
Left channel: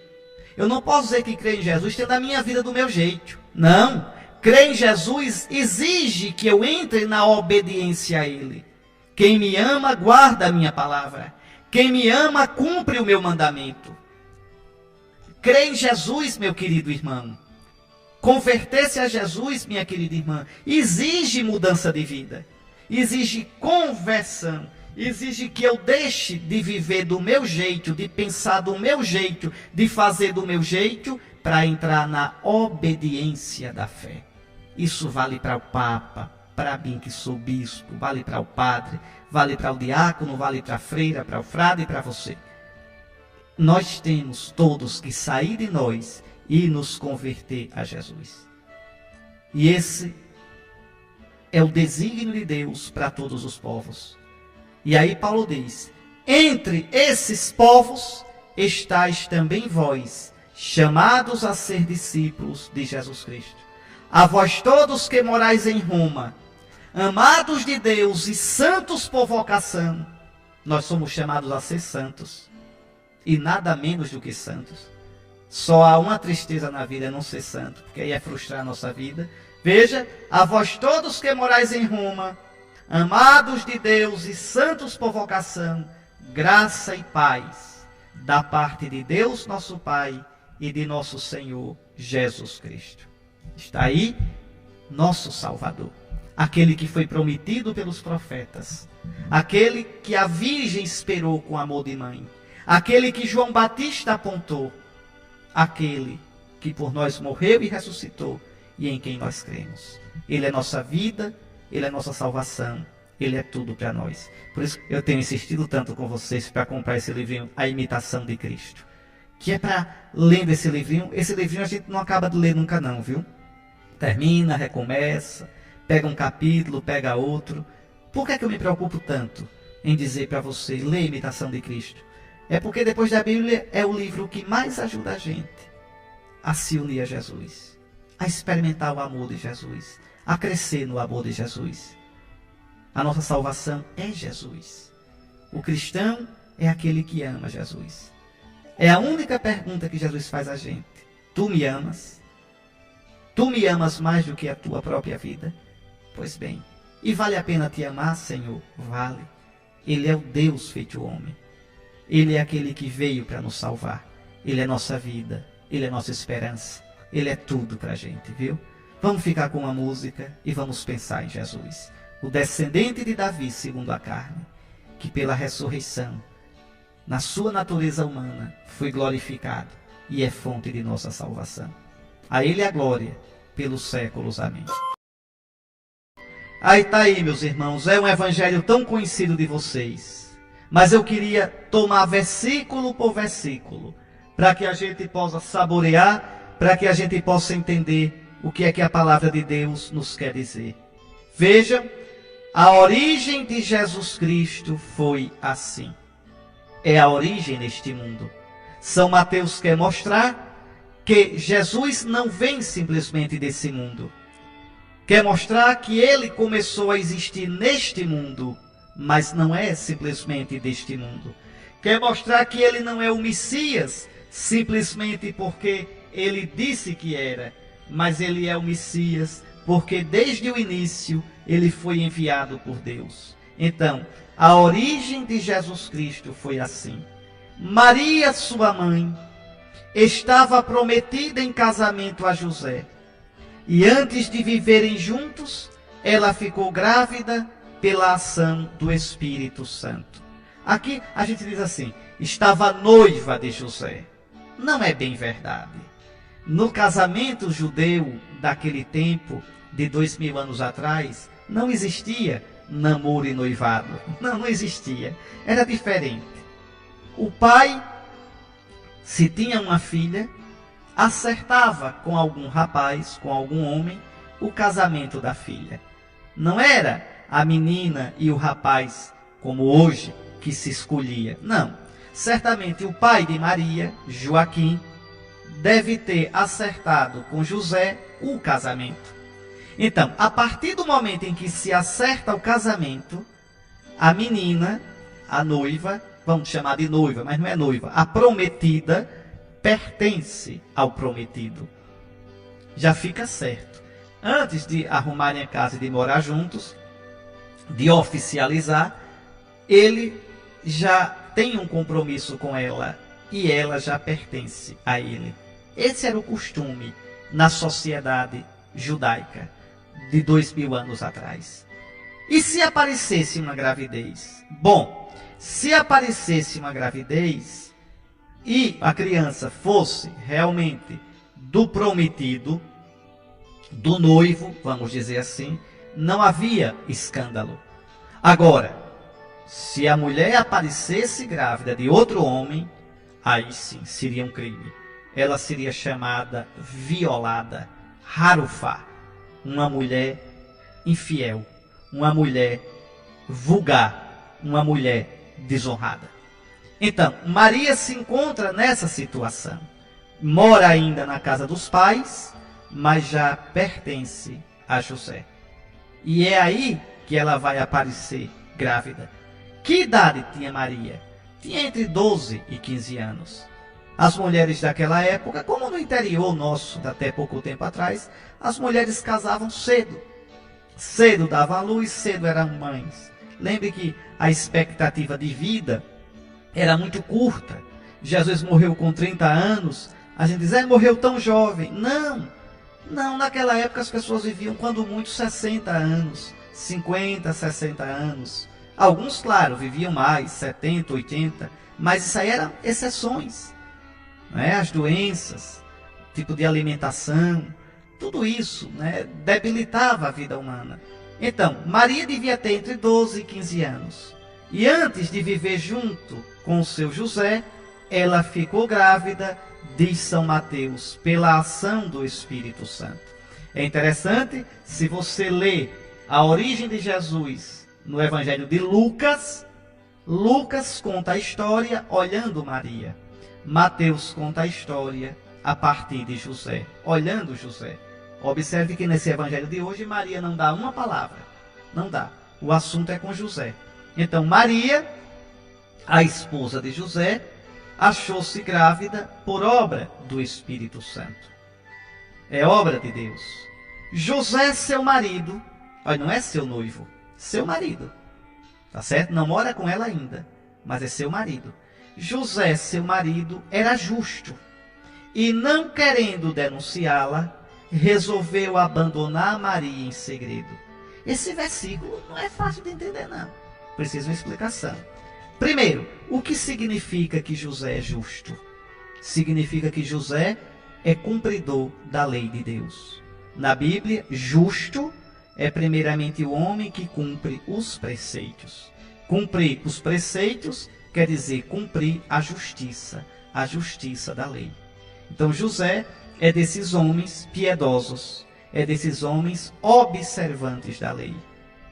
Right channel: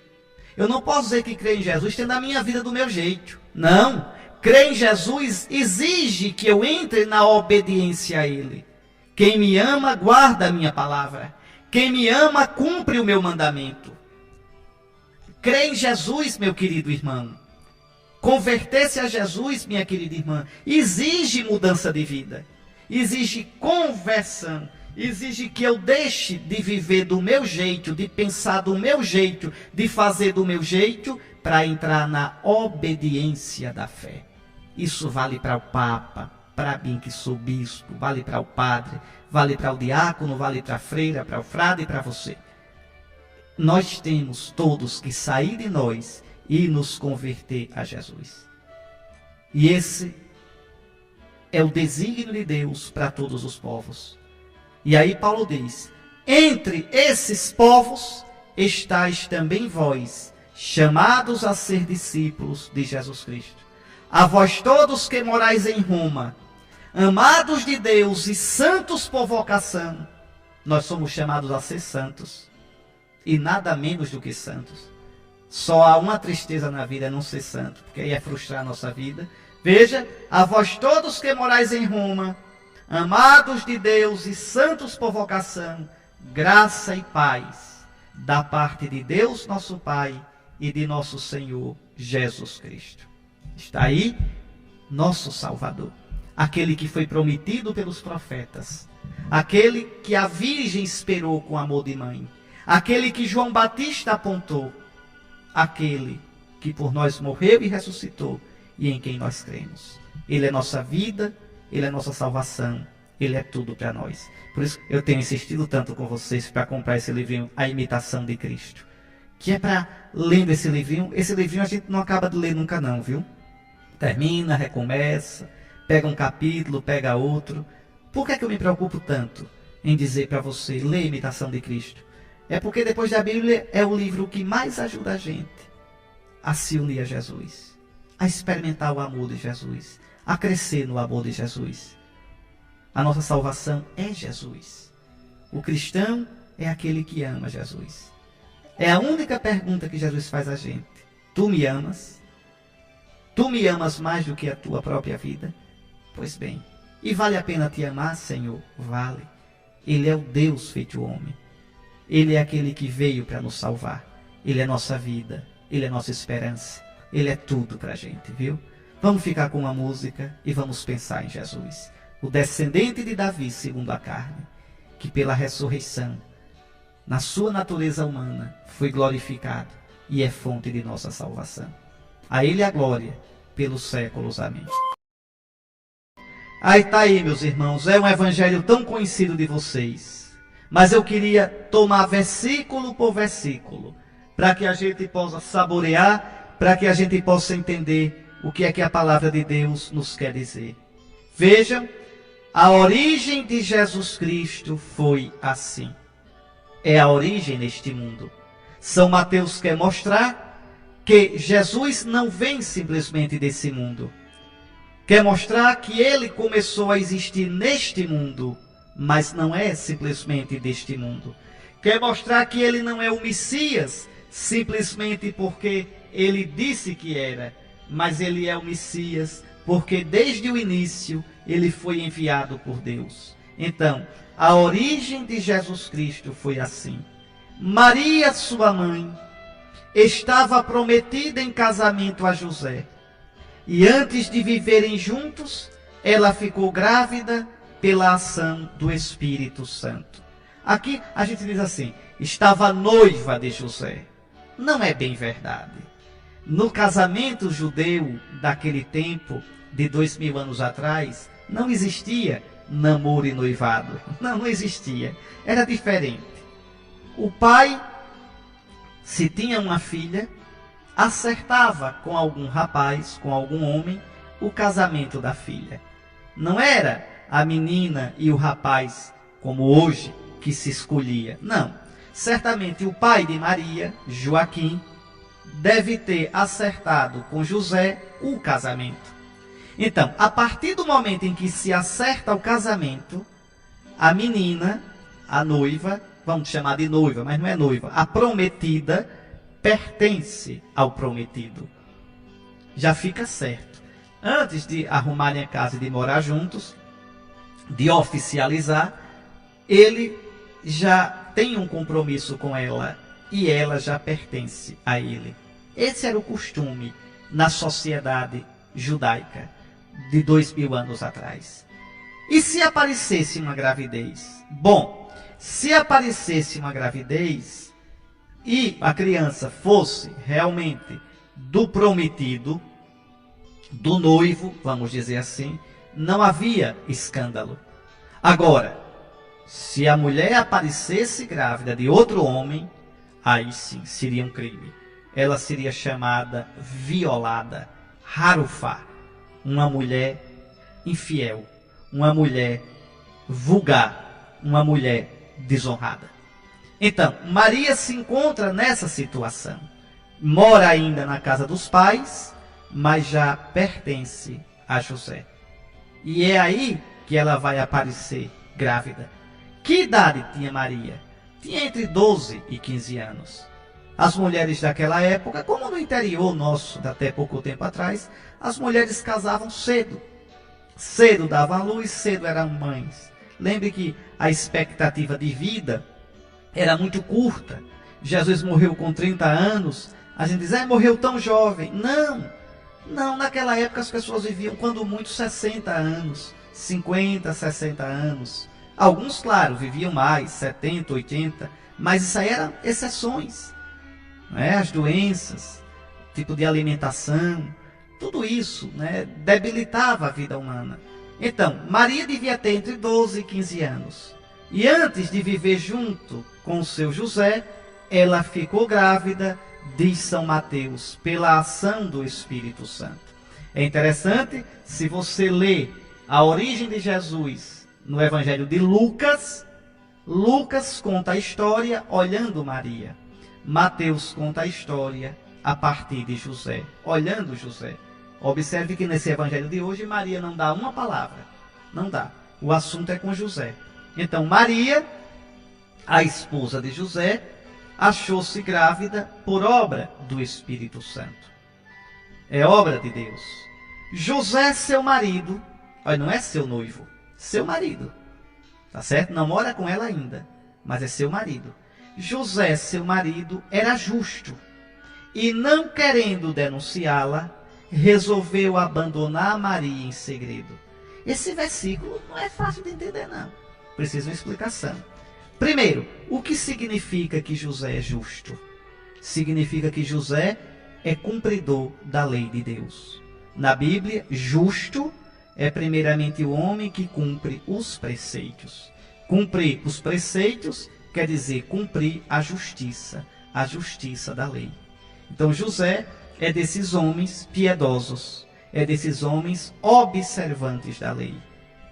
Eu não posso dizer que creio em Jesus tendo a minha vida do meu jeito. Não. Crer em Jesus exige que eu entre na obediência a Ele. Quem me ama, guarda a minha palavra. Quem me ama, cumpre o meu mandamento. Crer em Jesus, meu querido irmão. Converter-se a Jesus, minha querida irmã, exige mudança de vida. Exige conversão. Exige que eu deixe de viver do meu jeito, de pensar do meu jeito, de fazer do meu jeito, para entrar na obediência da fé. Isso vale para o Papa, para mim que sou bispo, vale para o padre, vale para o diácono, vale para a freira, para o frade e para você. Nós temos todos que sair de nós e nos converter a Jesus. E esse é o desígnio de Deus para todos os povos. E aí Paulo diz: entre esses povos estáis também vós, chamados a ser discípulos de Jesus Cristo. A vós todos que morais em Roma, amados de Deus e santos por vocação. Nós somos chamados a ser santos, e nada menos do que santos. Só há uma tristeza na vida, é não ser santo, porque aí é frustrar a nossa vida. Veja: a vós todos que morais em Roma, amados de Deus e santos por vocação, graça e paz, da parte de Deus nosso Pai e de nosso Senhor Jesus Cristo. Está aí nosso Salvador, aquele que foi prometido pelos profetas, aquele que a Virgem esperou com amor de mãe, aquele que João Batista apontou, aquele que por nós morreu e ressuscitou e em quem nós cremos. Ele é nossa vida, Ele é nossa salvação, Ele é tudo para nós. Por isso eu tenho insistido tanto com vocês para comprar esse livrinho, A Imitação de Cristo, que é para, lendo esse livrinho a gente não acaba de ler nunca não, viu? Termina, recomeça, pega um capítulo, pega outro. Por que é que eu me preocupo tanto em dizer para você, lê A Imitação de Cristo? É porque depois da Bíblia é o livro que mais ajuda a gente a se unir a Jesus, a experimentar o amor de Jesus, a crescer no amor de Jesus. A nossa salvação é Jesus. O cristão é aquele que ama Jesus. É a única pergunta que Jesus faz a gente. Tu me amas? Tu me amas mais do que a tua própria vida? Pois bem, e vale a pena te amar, Senhor? Vale. Ele é o Deus feito homem. Ele é aquele que veio para nos salvar. Ele é nossa vida. Ele é nossa esperança. Ele é tudo para a gente, viu? Vamos ficar com uma música e vamos pensar em Jesus, o descendente de Davi segundo a carne, que pela ressurreição, na sua natureza humana, foi glorificado e é fonte de nossa salvação. A Ele a glória pelos séculos. Amém. Aí está aí, meus irmãos, é um evangelho tão conhecido de vocês, mas eu queria tomar versículo por versículo, para que a gente possa saborear, para que a gente possa entender o que é que a palavra de Deus nos quer dizer. Vejam, a origem de Jesus Cristo foi assim. É a origem neste mundo. São Mateus quer mostrar que Jesus não vem simplesmente desse mundo. Quer mostrar que ele começou a existir neste mundo, mas não é simplesmente deste mundo. Quer mostrar que ele não é o Messias, simplesmente porque ele disse que era, mas ele é o Messias, porque desde o início ele foi enviado por Deus. Então, a origem de Jesus Cristo foi assim. Maria, sua mãe, estava prometida em casamento a José. E antes de viverem juntos, ela ficou grávida pela ação do Espírito Santo. Aqui a gente diz assim, estava noiva de José. Não é bem verdade. No casamento judeu daquele tempo, de 2000 anos atrás, não existia namoro e noivado. Não existia. Era diferente. O pai, se tinha uma filha, acertava com algum rapaz, com algum homem, o casamento da filha. Não era a menina e o rapaz, como hoje, que se escolhia. Não. Certamente o pai de Maria, Joaquim, deve ter acertado com José o casamento. Então, a partir do momento em que se acerta o casamento, a menina, a noiva, vamos chamar de noiva, mas não é noiva, a prometida pertence ao prometido. Já fica certo. Antes de arrumarem a casa e de morar juntos, de oficializar, ele já tem um compromisso com ela e ela já pertence a ele. Esse era o costume na sociedade judaica de 2000 anos atrás. E se aparecesse uma gravidez? Bom, se aparecesse uma gravidez e a criança fosse realmente do prometido, do noivo, vamos dizer assim, não havia escândalo. Agora, se a mulher aparecesse grávida de outro homem, aí sim seria um crime. Ela seria chamada violada, harufá, uma mulher infiel, uma mulher vulgar, uma mulher desonrada. Então, Maria se encontra nessa situação. Mora ainda na casa dos pais, mas já pertence a José. E é aí que ela vai aparecer grávida. Que idade tinha Maria? Tinha entre 12 e 15 anos. As mulheres daquela época, como no interior nosso, até pouco tempo atrás, as mulheres casavam cedo. Cedo davam à luz, cedo eram mães. Lembre que a expectativa de vida era muito curta. Jesus morreu com 30 anos. A gente diz, morreu tão jovem. Não, naquela época as pessoas viviam, quando muito, 60 anos, 50, 60 anos. Alguns, claro, viviam mais, 70, 80, mas isso aí eram exceções. As doenças, tipo de alimentação, tudo isso debilitava a vida humana. Então, Maria devia ter entre 12 e 15 anos. E antes de viver junto com o seu José, ela ficou grávida, diz São Mateus, pela ação do Espírito Santo. É interessante, se você lê a origem de Jesus no Evangelho de Lucas, Lucas conta a história olhando Maria. Mateus conta a história a partir de José, olhando José. Observe que nesse evangelho de hoje, Maria não dá uma palavra. Não dá. O assunto é com José. Então, Maria, a esposa de José, achou-se grávida por obra do Espírito Santo. É obra de Deus. José, seu marido, não é seu noivo, seu marido. Tá certo? Não mora com ela ainda, mas é seu marido. José, seu marido, era justo e, não querendo denunciá-la, resolveu abandonar Maria em segredo. Esse versículo não é fácil de entender, não. Precisa uma explicação. Primeiro, o que significa que José é justo? Significa que José é cumpridor da lei de Deus. Na Bíblia, justo é primeiramente o homem que cumpre os preceitos. Cumprir os preceitos quer dizer cumprir a justiça da lei. Então José é desses homens piedosos, é desses homens observantes da lei,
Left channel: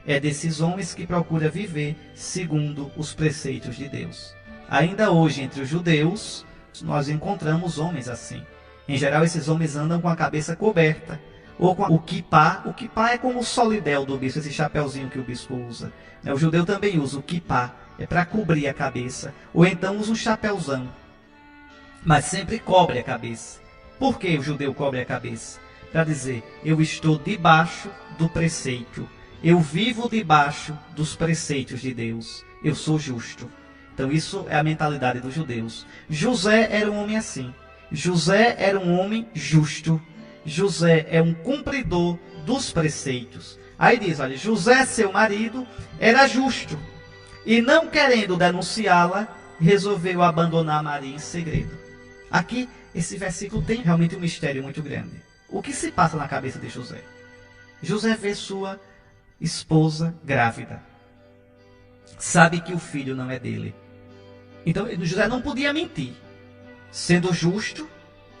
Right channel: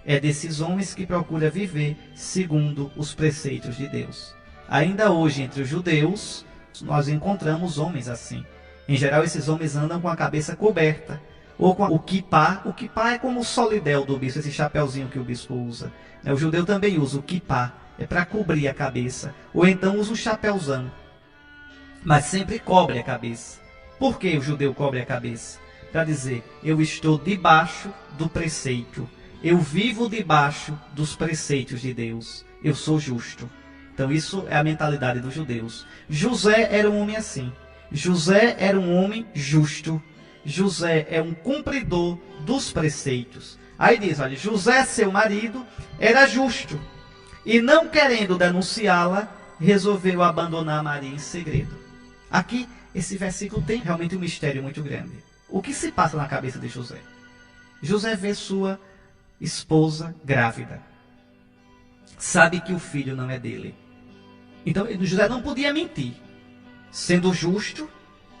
é desses homens que procura viver segundo os preceitos de Deus. Ainda hoje, entre os judeus, nós encontramos homens assim. Em geral, esses homens andam com a cabeça coberta, ou com o quipá. O quipá é como o solidel do bispo, esse chapeuzinho que o bispo usa. O judeu também usa o quipá, é para cobrir a cabeça, ou então usa um chapeuzão, mas sempre cobre a cabeça. Por que o judeu cobre a cabeça? para dizer: eu estou debaixo do preceito, eu vivo debaixo dos preceitos de Deus, eu sou justo. Então isso é a mentalidade dos judeus. José era um homem assim. José era um homem justo. José é um cumpridor dos preceitos. Aí diz, olha, José, seu marido, era justo. E não querendo denunciá-la, resolveu abandonar Maria em segredo. Aqui, esse versículo tem realmente um mistério muito grande. O que se passa na cabeça de José? José vê sua esposa grávida. Sabe que o filho não é dele. Então, José não podia mentir. Sendo justo,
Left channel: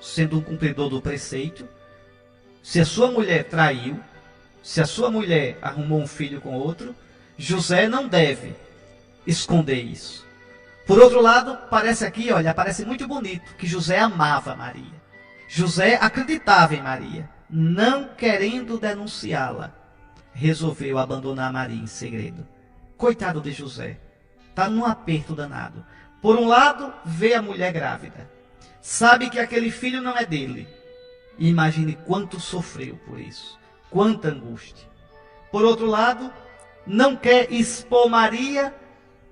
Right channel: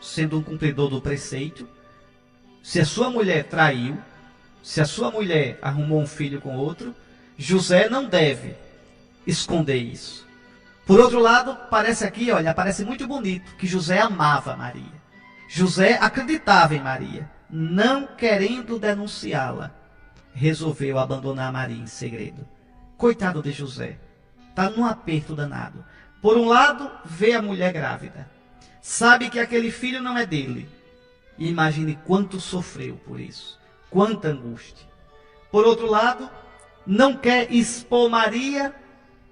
sendo um cumpridor do preceito, se a sua mulher traiu, se a sua mulher arrumou um filho com outro, José não deve esconder isso. Por outro lado, parece aqui, olha, parece muito bonito que José amava Maria. José acreditava em Maria, não querendo denunciá-la, resolveu abandonar Maria em segredo. Coitado de José, está num aperto danado. Por um lado, vê a mulher grávida, sabe que aquele filho não é dele. Imagine quanto sofreu por isso, quanta angústia. Por outro lado, não quer expor Maria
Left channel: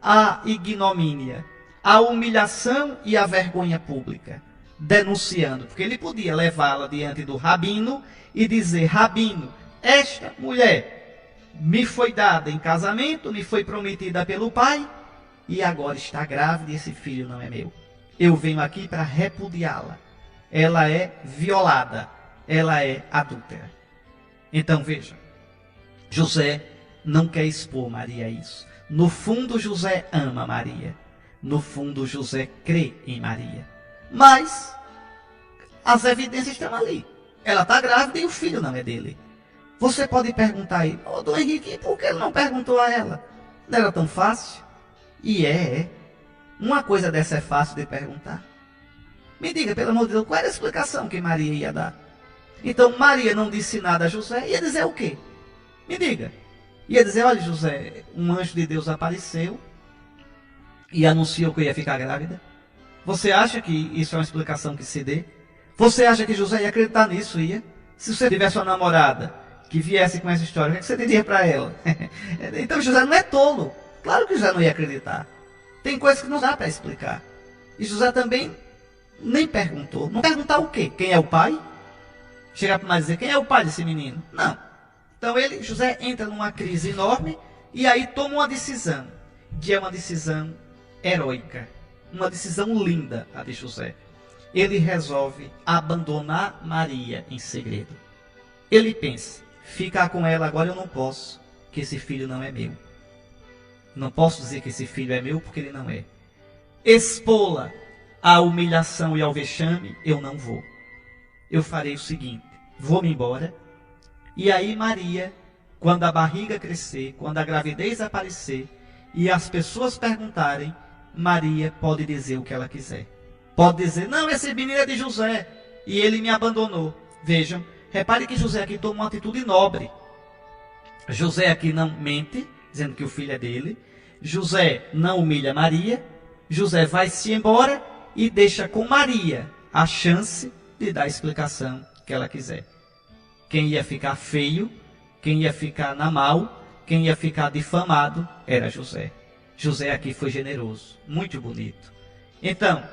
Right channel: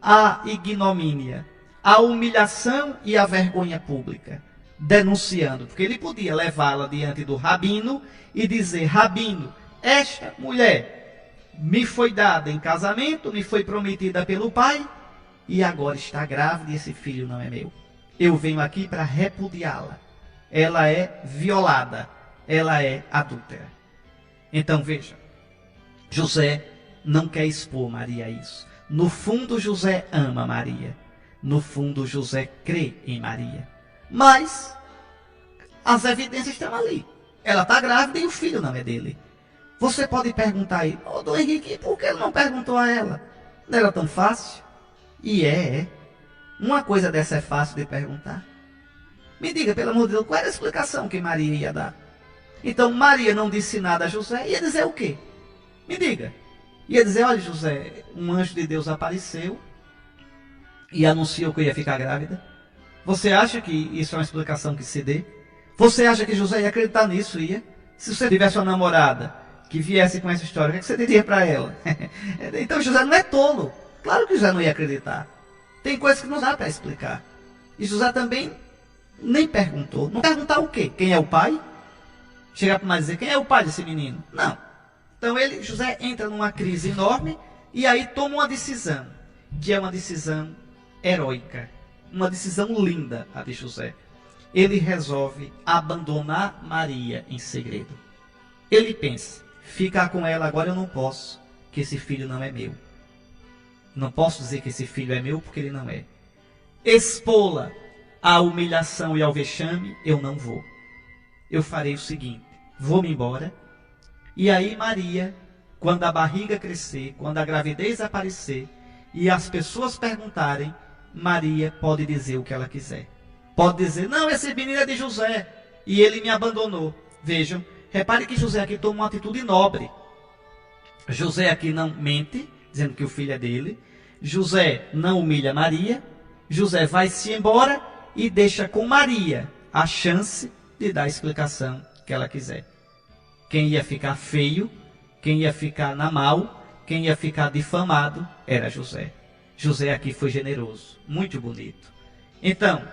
à ignomínia, à humilhação e à vergonha pública, denunciando, porque ele podia levá-la diante do rabino e dizer: rabino, esta mulher me foi dada em casamento, me foi prometida pelo pai, e agora está grávida e esse filho não é meu. Eu venho aqui para repudiá-la. Ela é violada, ela é adúltera. Então veja, José não quer expor Maria a isso. No fundo, José ama Maria. No fundo, José crê em Maria. Mas as evidências estão ali. Ela está grávida e o filho não é dele. Você pode perguntar aí: ô Dom Henrique, por que ele não perguntou a ela? Não era tão fácil? E é. Uma coisa dessa é fácil de perguntar. Me diga, pelo amor de Deus, qual era a explicação que Maria ia dar? Então, Maria não disse nada a José, ia dizer o quê? Me diga. Ia dizer: olha, José, um anjo de Deus apareceu e anunciou que eu ia ficar grávida. Você acha que isso é uma explicação que se dê? Você acha que José ia acreditar nisso? Ia? Se você tivesse uma namorada que viesse com essa história, o que você diria para ela? Então, José não é tolo. Claro que José não ia acreditar. Tem coisas que não dá para explicar. E José também nem perguntou. Não perguntar o quê? Quem é o pai? Chegar para nós e dizer: quem é o pai desse menino? Não. Então José entra numa crise enorme e aí toma uma decisão, que é uma decisão heróica, uma decisão linda, a de José. Ele resolve abandonar Maria em segredo. Ele pensa: ficar com ela agora eu não posso, que esse filho não é meu. Não posso dizer que esse filho é meu porque ele não é. Expô-la à humilhação e ao vexame, eu não vou. Eu farei o seguinte: vou-me embora. E aí Maria, quando a barriga crescer, quando a gravidez aparecer e as pessoas perguntarem, Maria pode dizer o que ela quiser. Pode dizer: não, esse menino é de José e ele me abandonou. Vejam, repare que José aqui toma uma atitude nobre. José aqui não mente, dizendo que o filho é dele. José não humilha Maria. José vai-se embora e deixa com Maria a chance de dar a explicação que ela quiser. Quem ia ficar feio, quem ia ficar na mal, quem ia ficar difamado, era José. José aqui foi generoso, muito bonito. Então,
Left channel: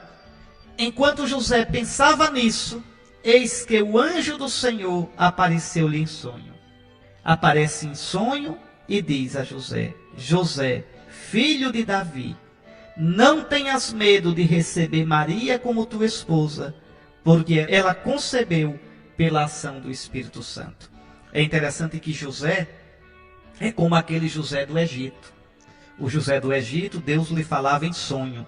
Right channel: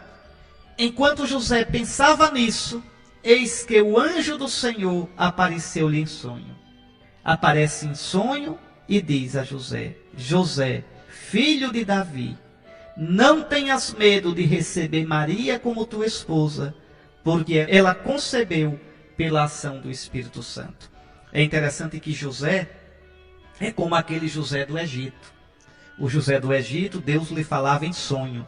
enquanto José pensava nisso, eis que o anjo do Senhor apareceu-lhe em sonho. Aparece em sonho e diz a José: José, filho de Davi, não tenhas medo de receber Maria como tua esposa, porque ela concebeu pela ação do Espírito Santo. É interessante que José é como aquele José do Egito. O José do Egito, Deus lhe falava em sonho.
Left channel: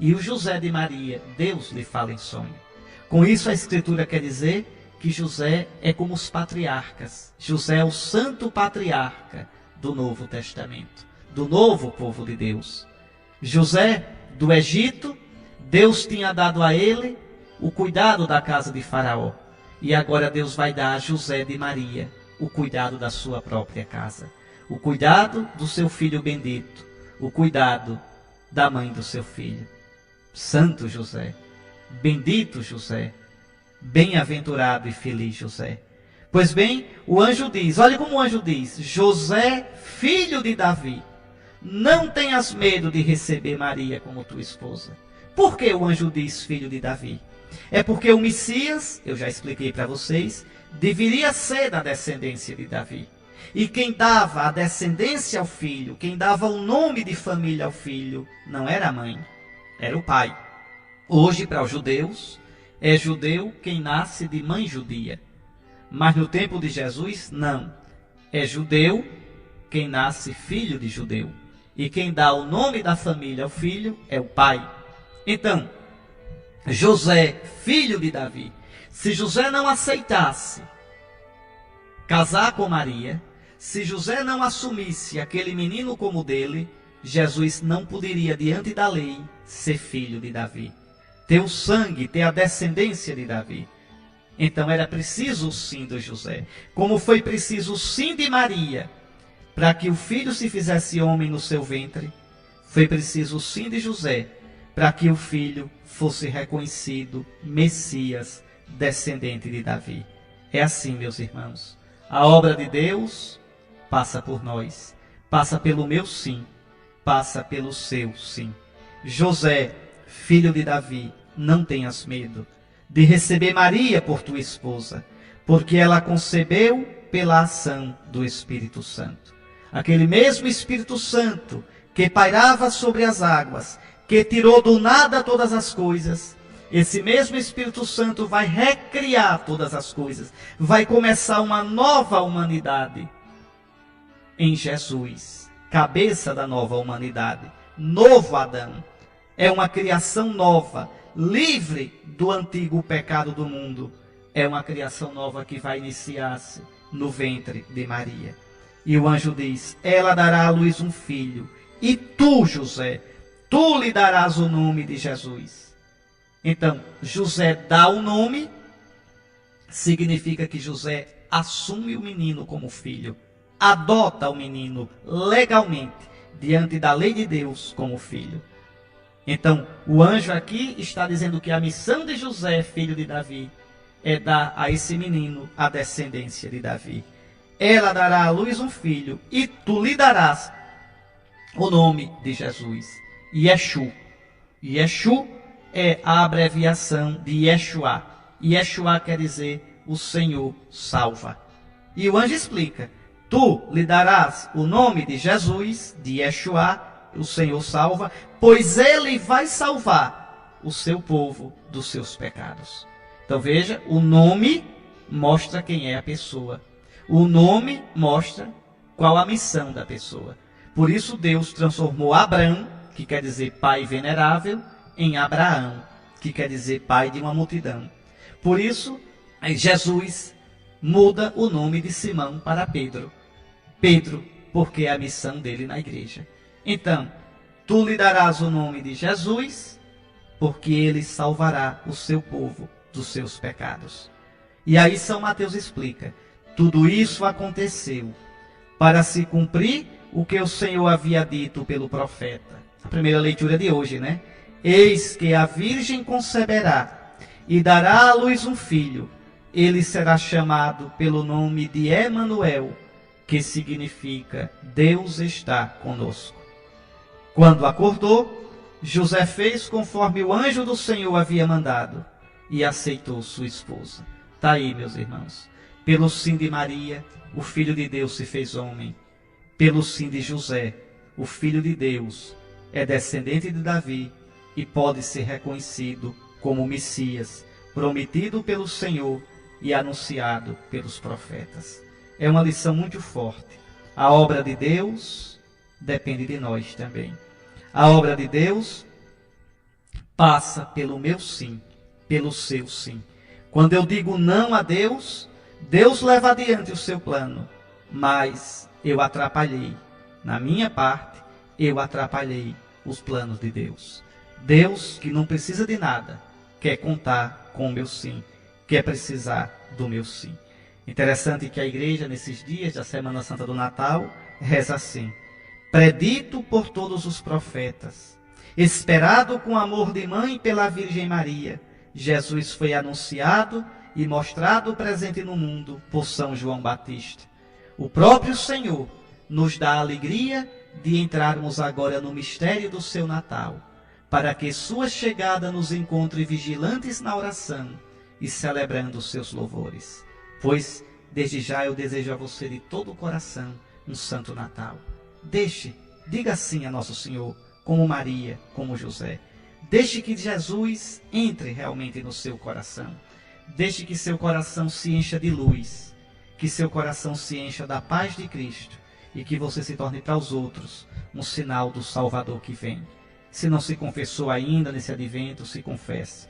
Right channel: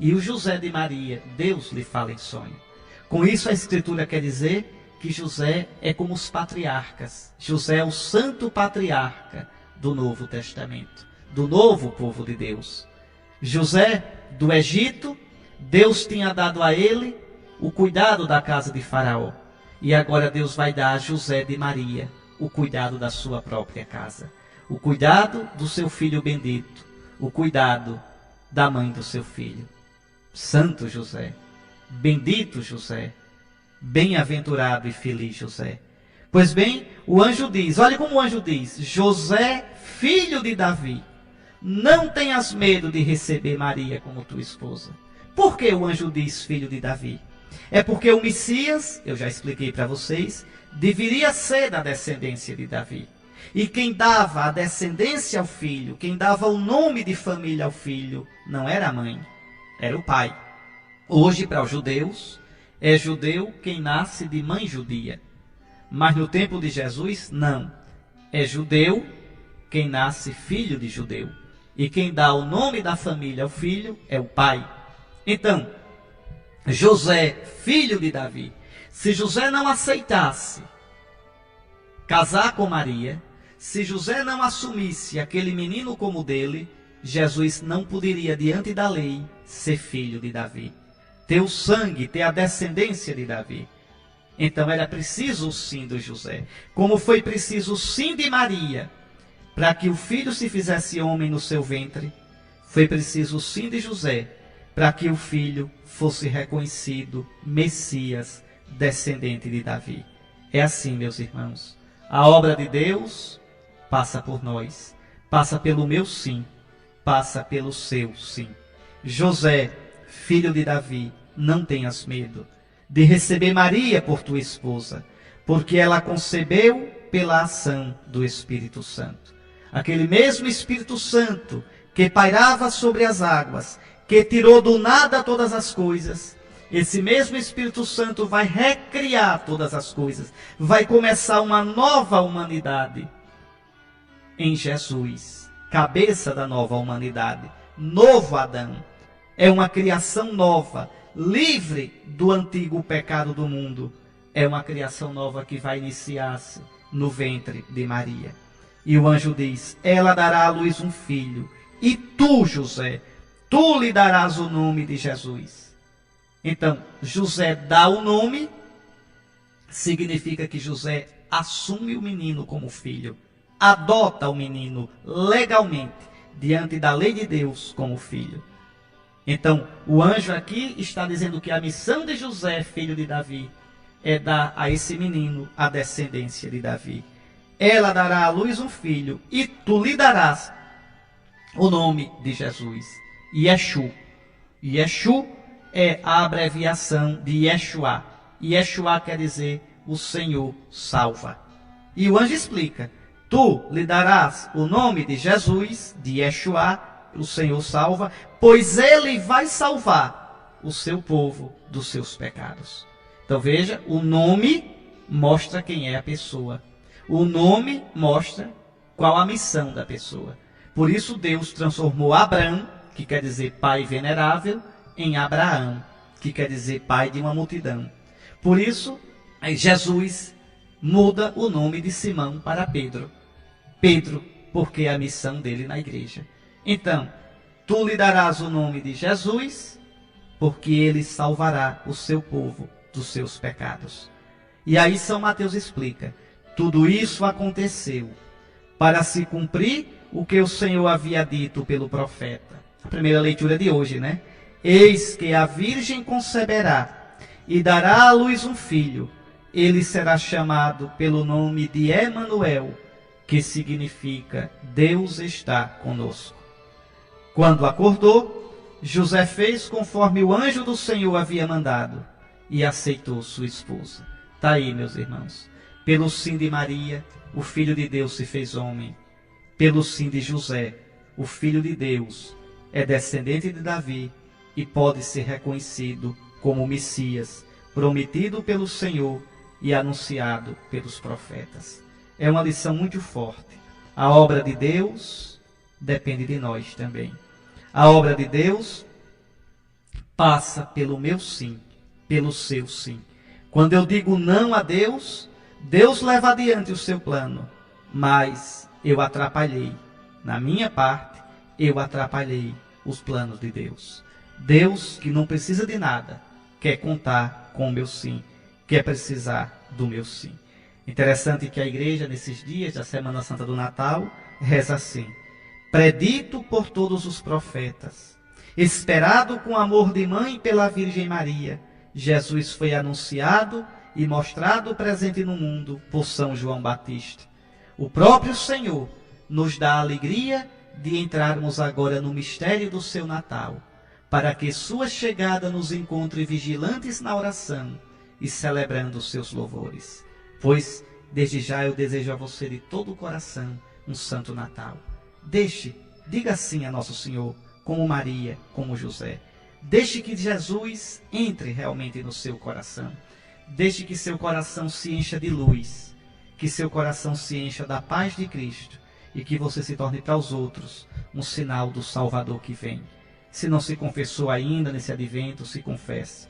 E o José de Maria, Deus lhe fala em sonho. Com isso a Escritura quer dizer que José é como os patriarcas. José é o santo patriarca do Novo Testamento, do novo povo de Deus. José do Egito, Deus tinha dado a ele o cuidado da casa de Faraó. E agora Deus vai dar a José de Maria o cuidado da sua própria casa. O cuidado do seu filho bendito. O cuidado da mãe do seu filho. Santo José, bendito José, bem-aventurado e feliz José. Pois bem, o anjo diz, olha como o anjo diz: José, filho de Davi, não tenhas medo de receber Maria como tua esposa. Por que o anjo diz filho de Davi? É porque o Messias, eu já expliquei para vocês, deveria ser da descendência de Davi. E quem dava a descendência ao filho, quem dava o nome de família ao filho, não era a mãe, era o pai. Hoje, para os judeus, é judeu quem nasce de mãe judia. Mas no tempo de Jesus, não. É judeu quem nasce filho de judeu. E quem dá o nome da família ao filho é o pai. Então, José, filho de Davi, se José não aceitasse casar com Maria, se José não assumisse aquele menino como dele, Jesus não poderia, diante da lei, ser filho de Davi. Ter o sangue, ter a descendência de Davi. Então era preciso o sim de José. Como foi preciso o sim de Maria, para que o filho se fizesse homem no seu ventre, foi preciso o sim de José, para que o filho fosse reconhecido Messias, descendente de Davi. É assim, meus irmãos. A obra de Deus passa por nós, passa pelo meu sim, passa pelo seu sim. José, filho de Davi, não tenhas medo de receber Maria por tua esposa, porque ela concebeu pela ação do Espírito Santo. Aquele mesmo Espírito Santo que pairava sobre as águas, que tirou do nada todas as coisas, esse mesmo Espírito Santo vai recriar todas as coisas, vai começar uma nova humanidade em Jesus, cabeça da nova humanidade, novo Adão. É uma criação nova, livre do antigo pecado do mundo. É uma criação nova que vai iniciar-se no ventre de Maria. E o anjo diz: ela dará à luz um filho, e tu, José, tu lhe darás o nome de Jesus. Então, José dá o nome, significa que José assume o menino como filho, adota o menino legalmente, diante da lei de Deus, como filho. Então, o anjo aqui está dizendo que a missão de José, filho de Davi, é dar a esse menino a descendência de Davi. Ela dará à luz um filho, e tu lhe darás o nome de Jesus, Yeshu. Yeshu é a abreviação de Yeshua. Yeshua quer dizer o Senhor salva. E o anjo explica: tu lhe darás o nome de Jesus, de Yeshua, o Senhor salva, pois ele vai salvar o seu povo dos seus pecados. Então veja, o nome mostra quem é a pessoa. O nome mostra qual a missão da pessoa. Por isso Deus transformou Abrão, que quer dizer pai venerável, em Abraão, que quer dizer pai de uma multidão. Por isso, Jesus muda o nome de Simão para Pedro. Pedro, porque é a missão dele na igreja. Então, tu lhe darás o nome de Jesus, porque ele salvará o seu povo dos seus pecados. E aí São Mateus explica: tudo isso aconteceu para se cumprir o que o Senhor havia dito pelo profeta. A primeira leitura de hoje, né? Eis que a virgem conceberá e dará à luz um filho. Ele será chamado pelo nome de Emanuel, que significa Deus está conosco. Quando acordou, José fez conforme o anjo do Senhor havia mandado e aceitou sua esposa. Está aí, meus irmãos. Pelo sim de Maria, o Filho de Deus se fez homem. Pelo sim de José, o Filho de Deus é descendente de Davi e pode ser reconhecido como o Messias, prometido pelo Senhor e anunciado pelos profetas. É uma lição muito forte. A obra de Deus depende de nós também. A obra de Deus passa pelo meu sim, pelo seu sim. Quando eu digo não a Deus, Deus leva adiante o seu plano, mas eu atrapalhei. Na minha parte, eu atrapalhei os planos de Deus. Deus, que não precisa de nada, quer contar com o meu sim, quer precisar do meu sim. Interessante que a igreja, nesses dias da Semana Santa do Natal, reza assim: predito por todos os profetas, esperado com amor de mãe pela Virgem Maria, Jesus foi anunciado e mostrado presente no mundo por São João Batista. O próprio Senhor nos dá a alegria de entrarmos agora no mistério do seu Natal, para que sua chegada nos encontre vigilantes na oração e celebrando os seus louvores. Pois, desde já eu desejo a você de todo o coração um Santo Natal. Diga sim a Nosso Senhor, como Maria, como José. Deixe que Jesus entre realmente no seu coração. Deixe que seu coração se encha de luz, que seu coração se encha da paz de Cristo e que você se torne para os outros um sinal do Salvador que vem. Se não se confessou ainda nesse advento, se confesse.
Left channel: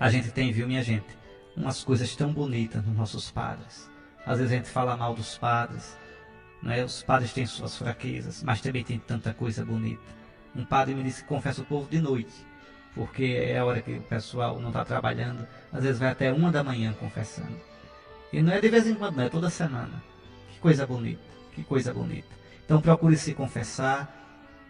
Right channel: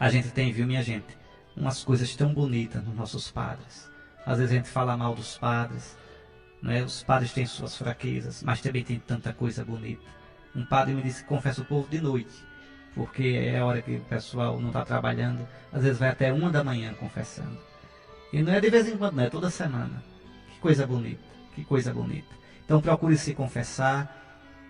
A gente tem, viu, minha gente, umas coisas tão bonitas nos nossos padres. Às vezes a gente fala mal dos padres, não é? Os padres têm suas fraquezas, mas também tem tanta coisa bonita. Um padre me disse que confessa o povo de noite, porque é a hora que o pessoal não está trabalhando, às vezes vai até 1 da manhã confessando. E não é de vez em quando, não é toda semana. Que coisa bonita, que coisa bonita. Então procure se confessar,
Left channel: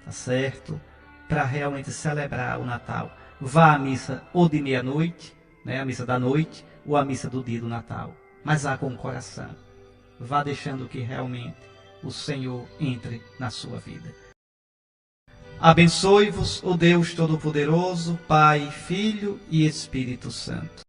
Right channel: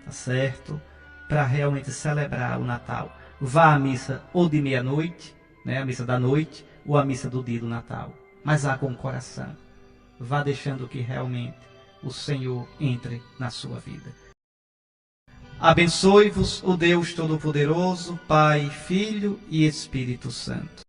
tá certo? Para realmente celebrar o Natal. Vá à missa ou de meia-noite, né, a missa da noite, ou a missa do dia do Natal. Mas vá com o coração. Vá deixando que realmente o Senhor entre na sua vida. Abençoe-vos o Deus Todo-Poderoso, Pai, Filho e Espírito Santo.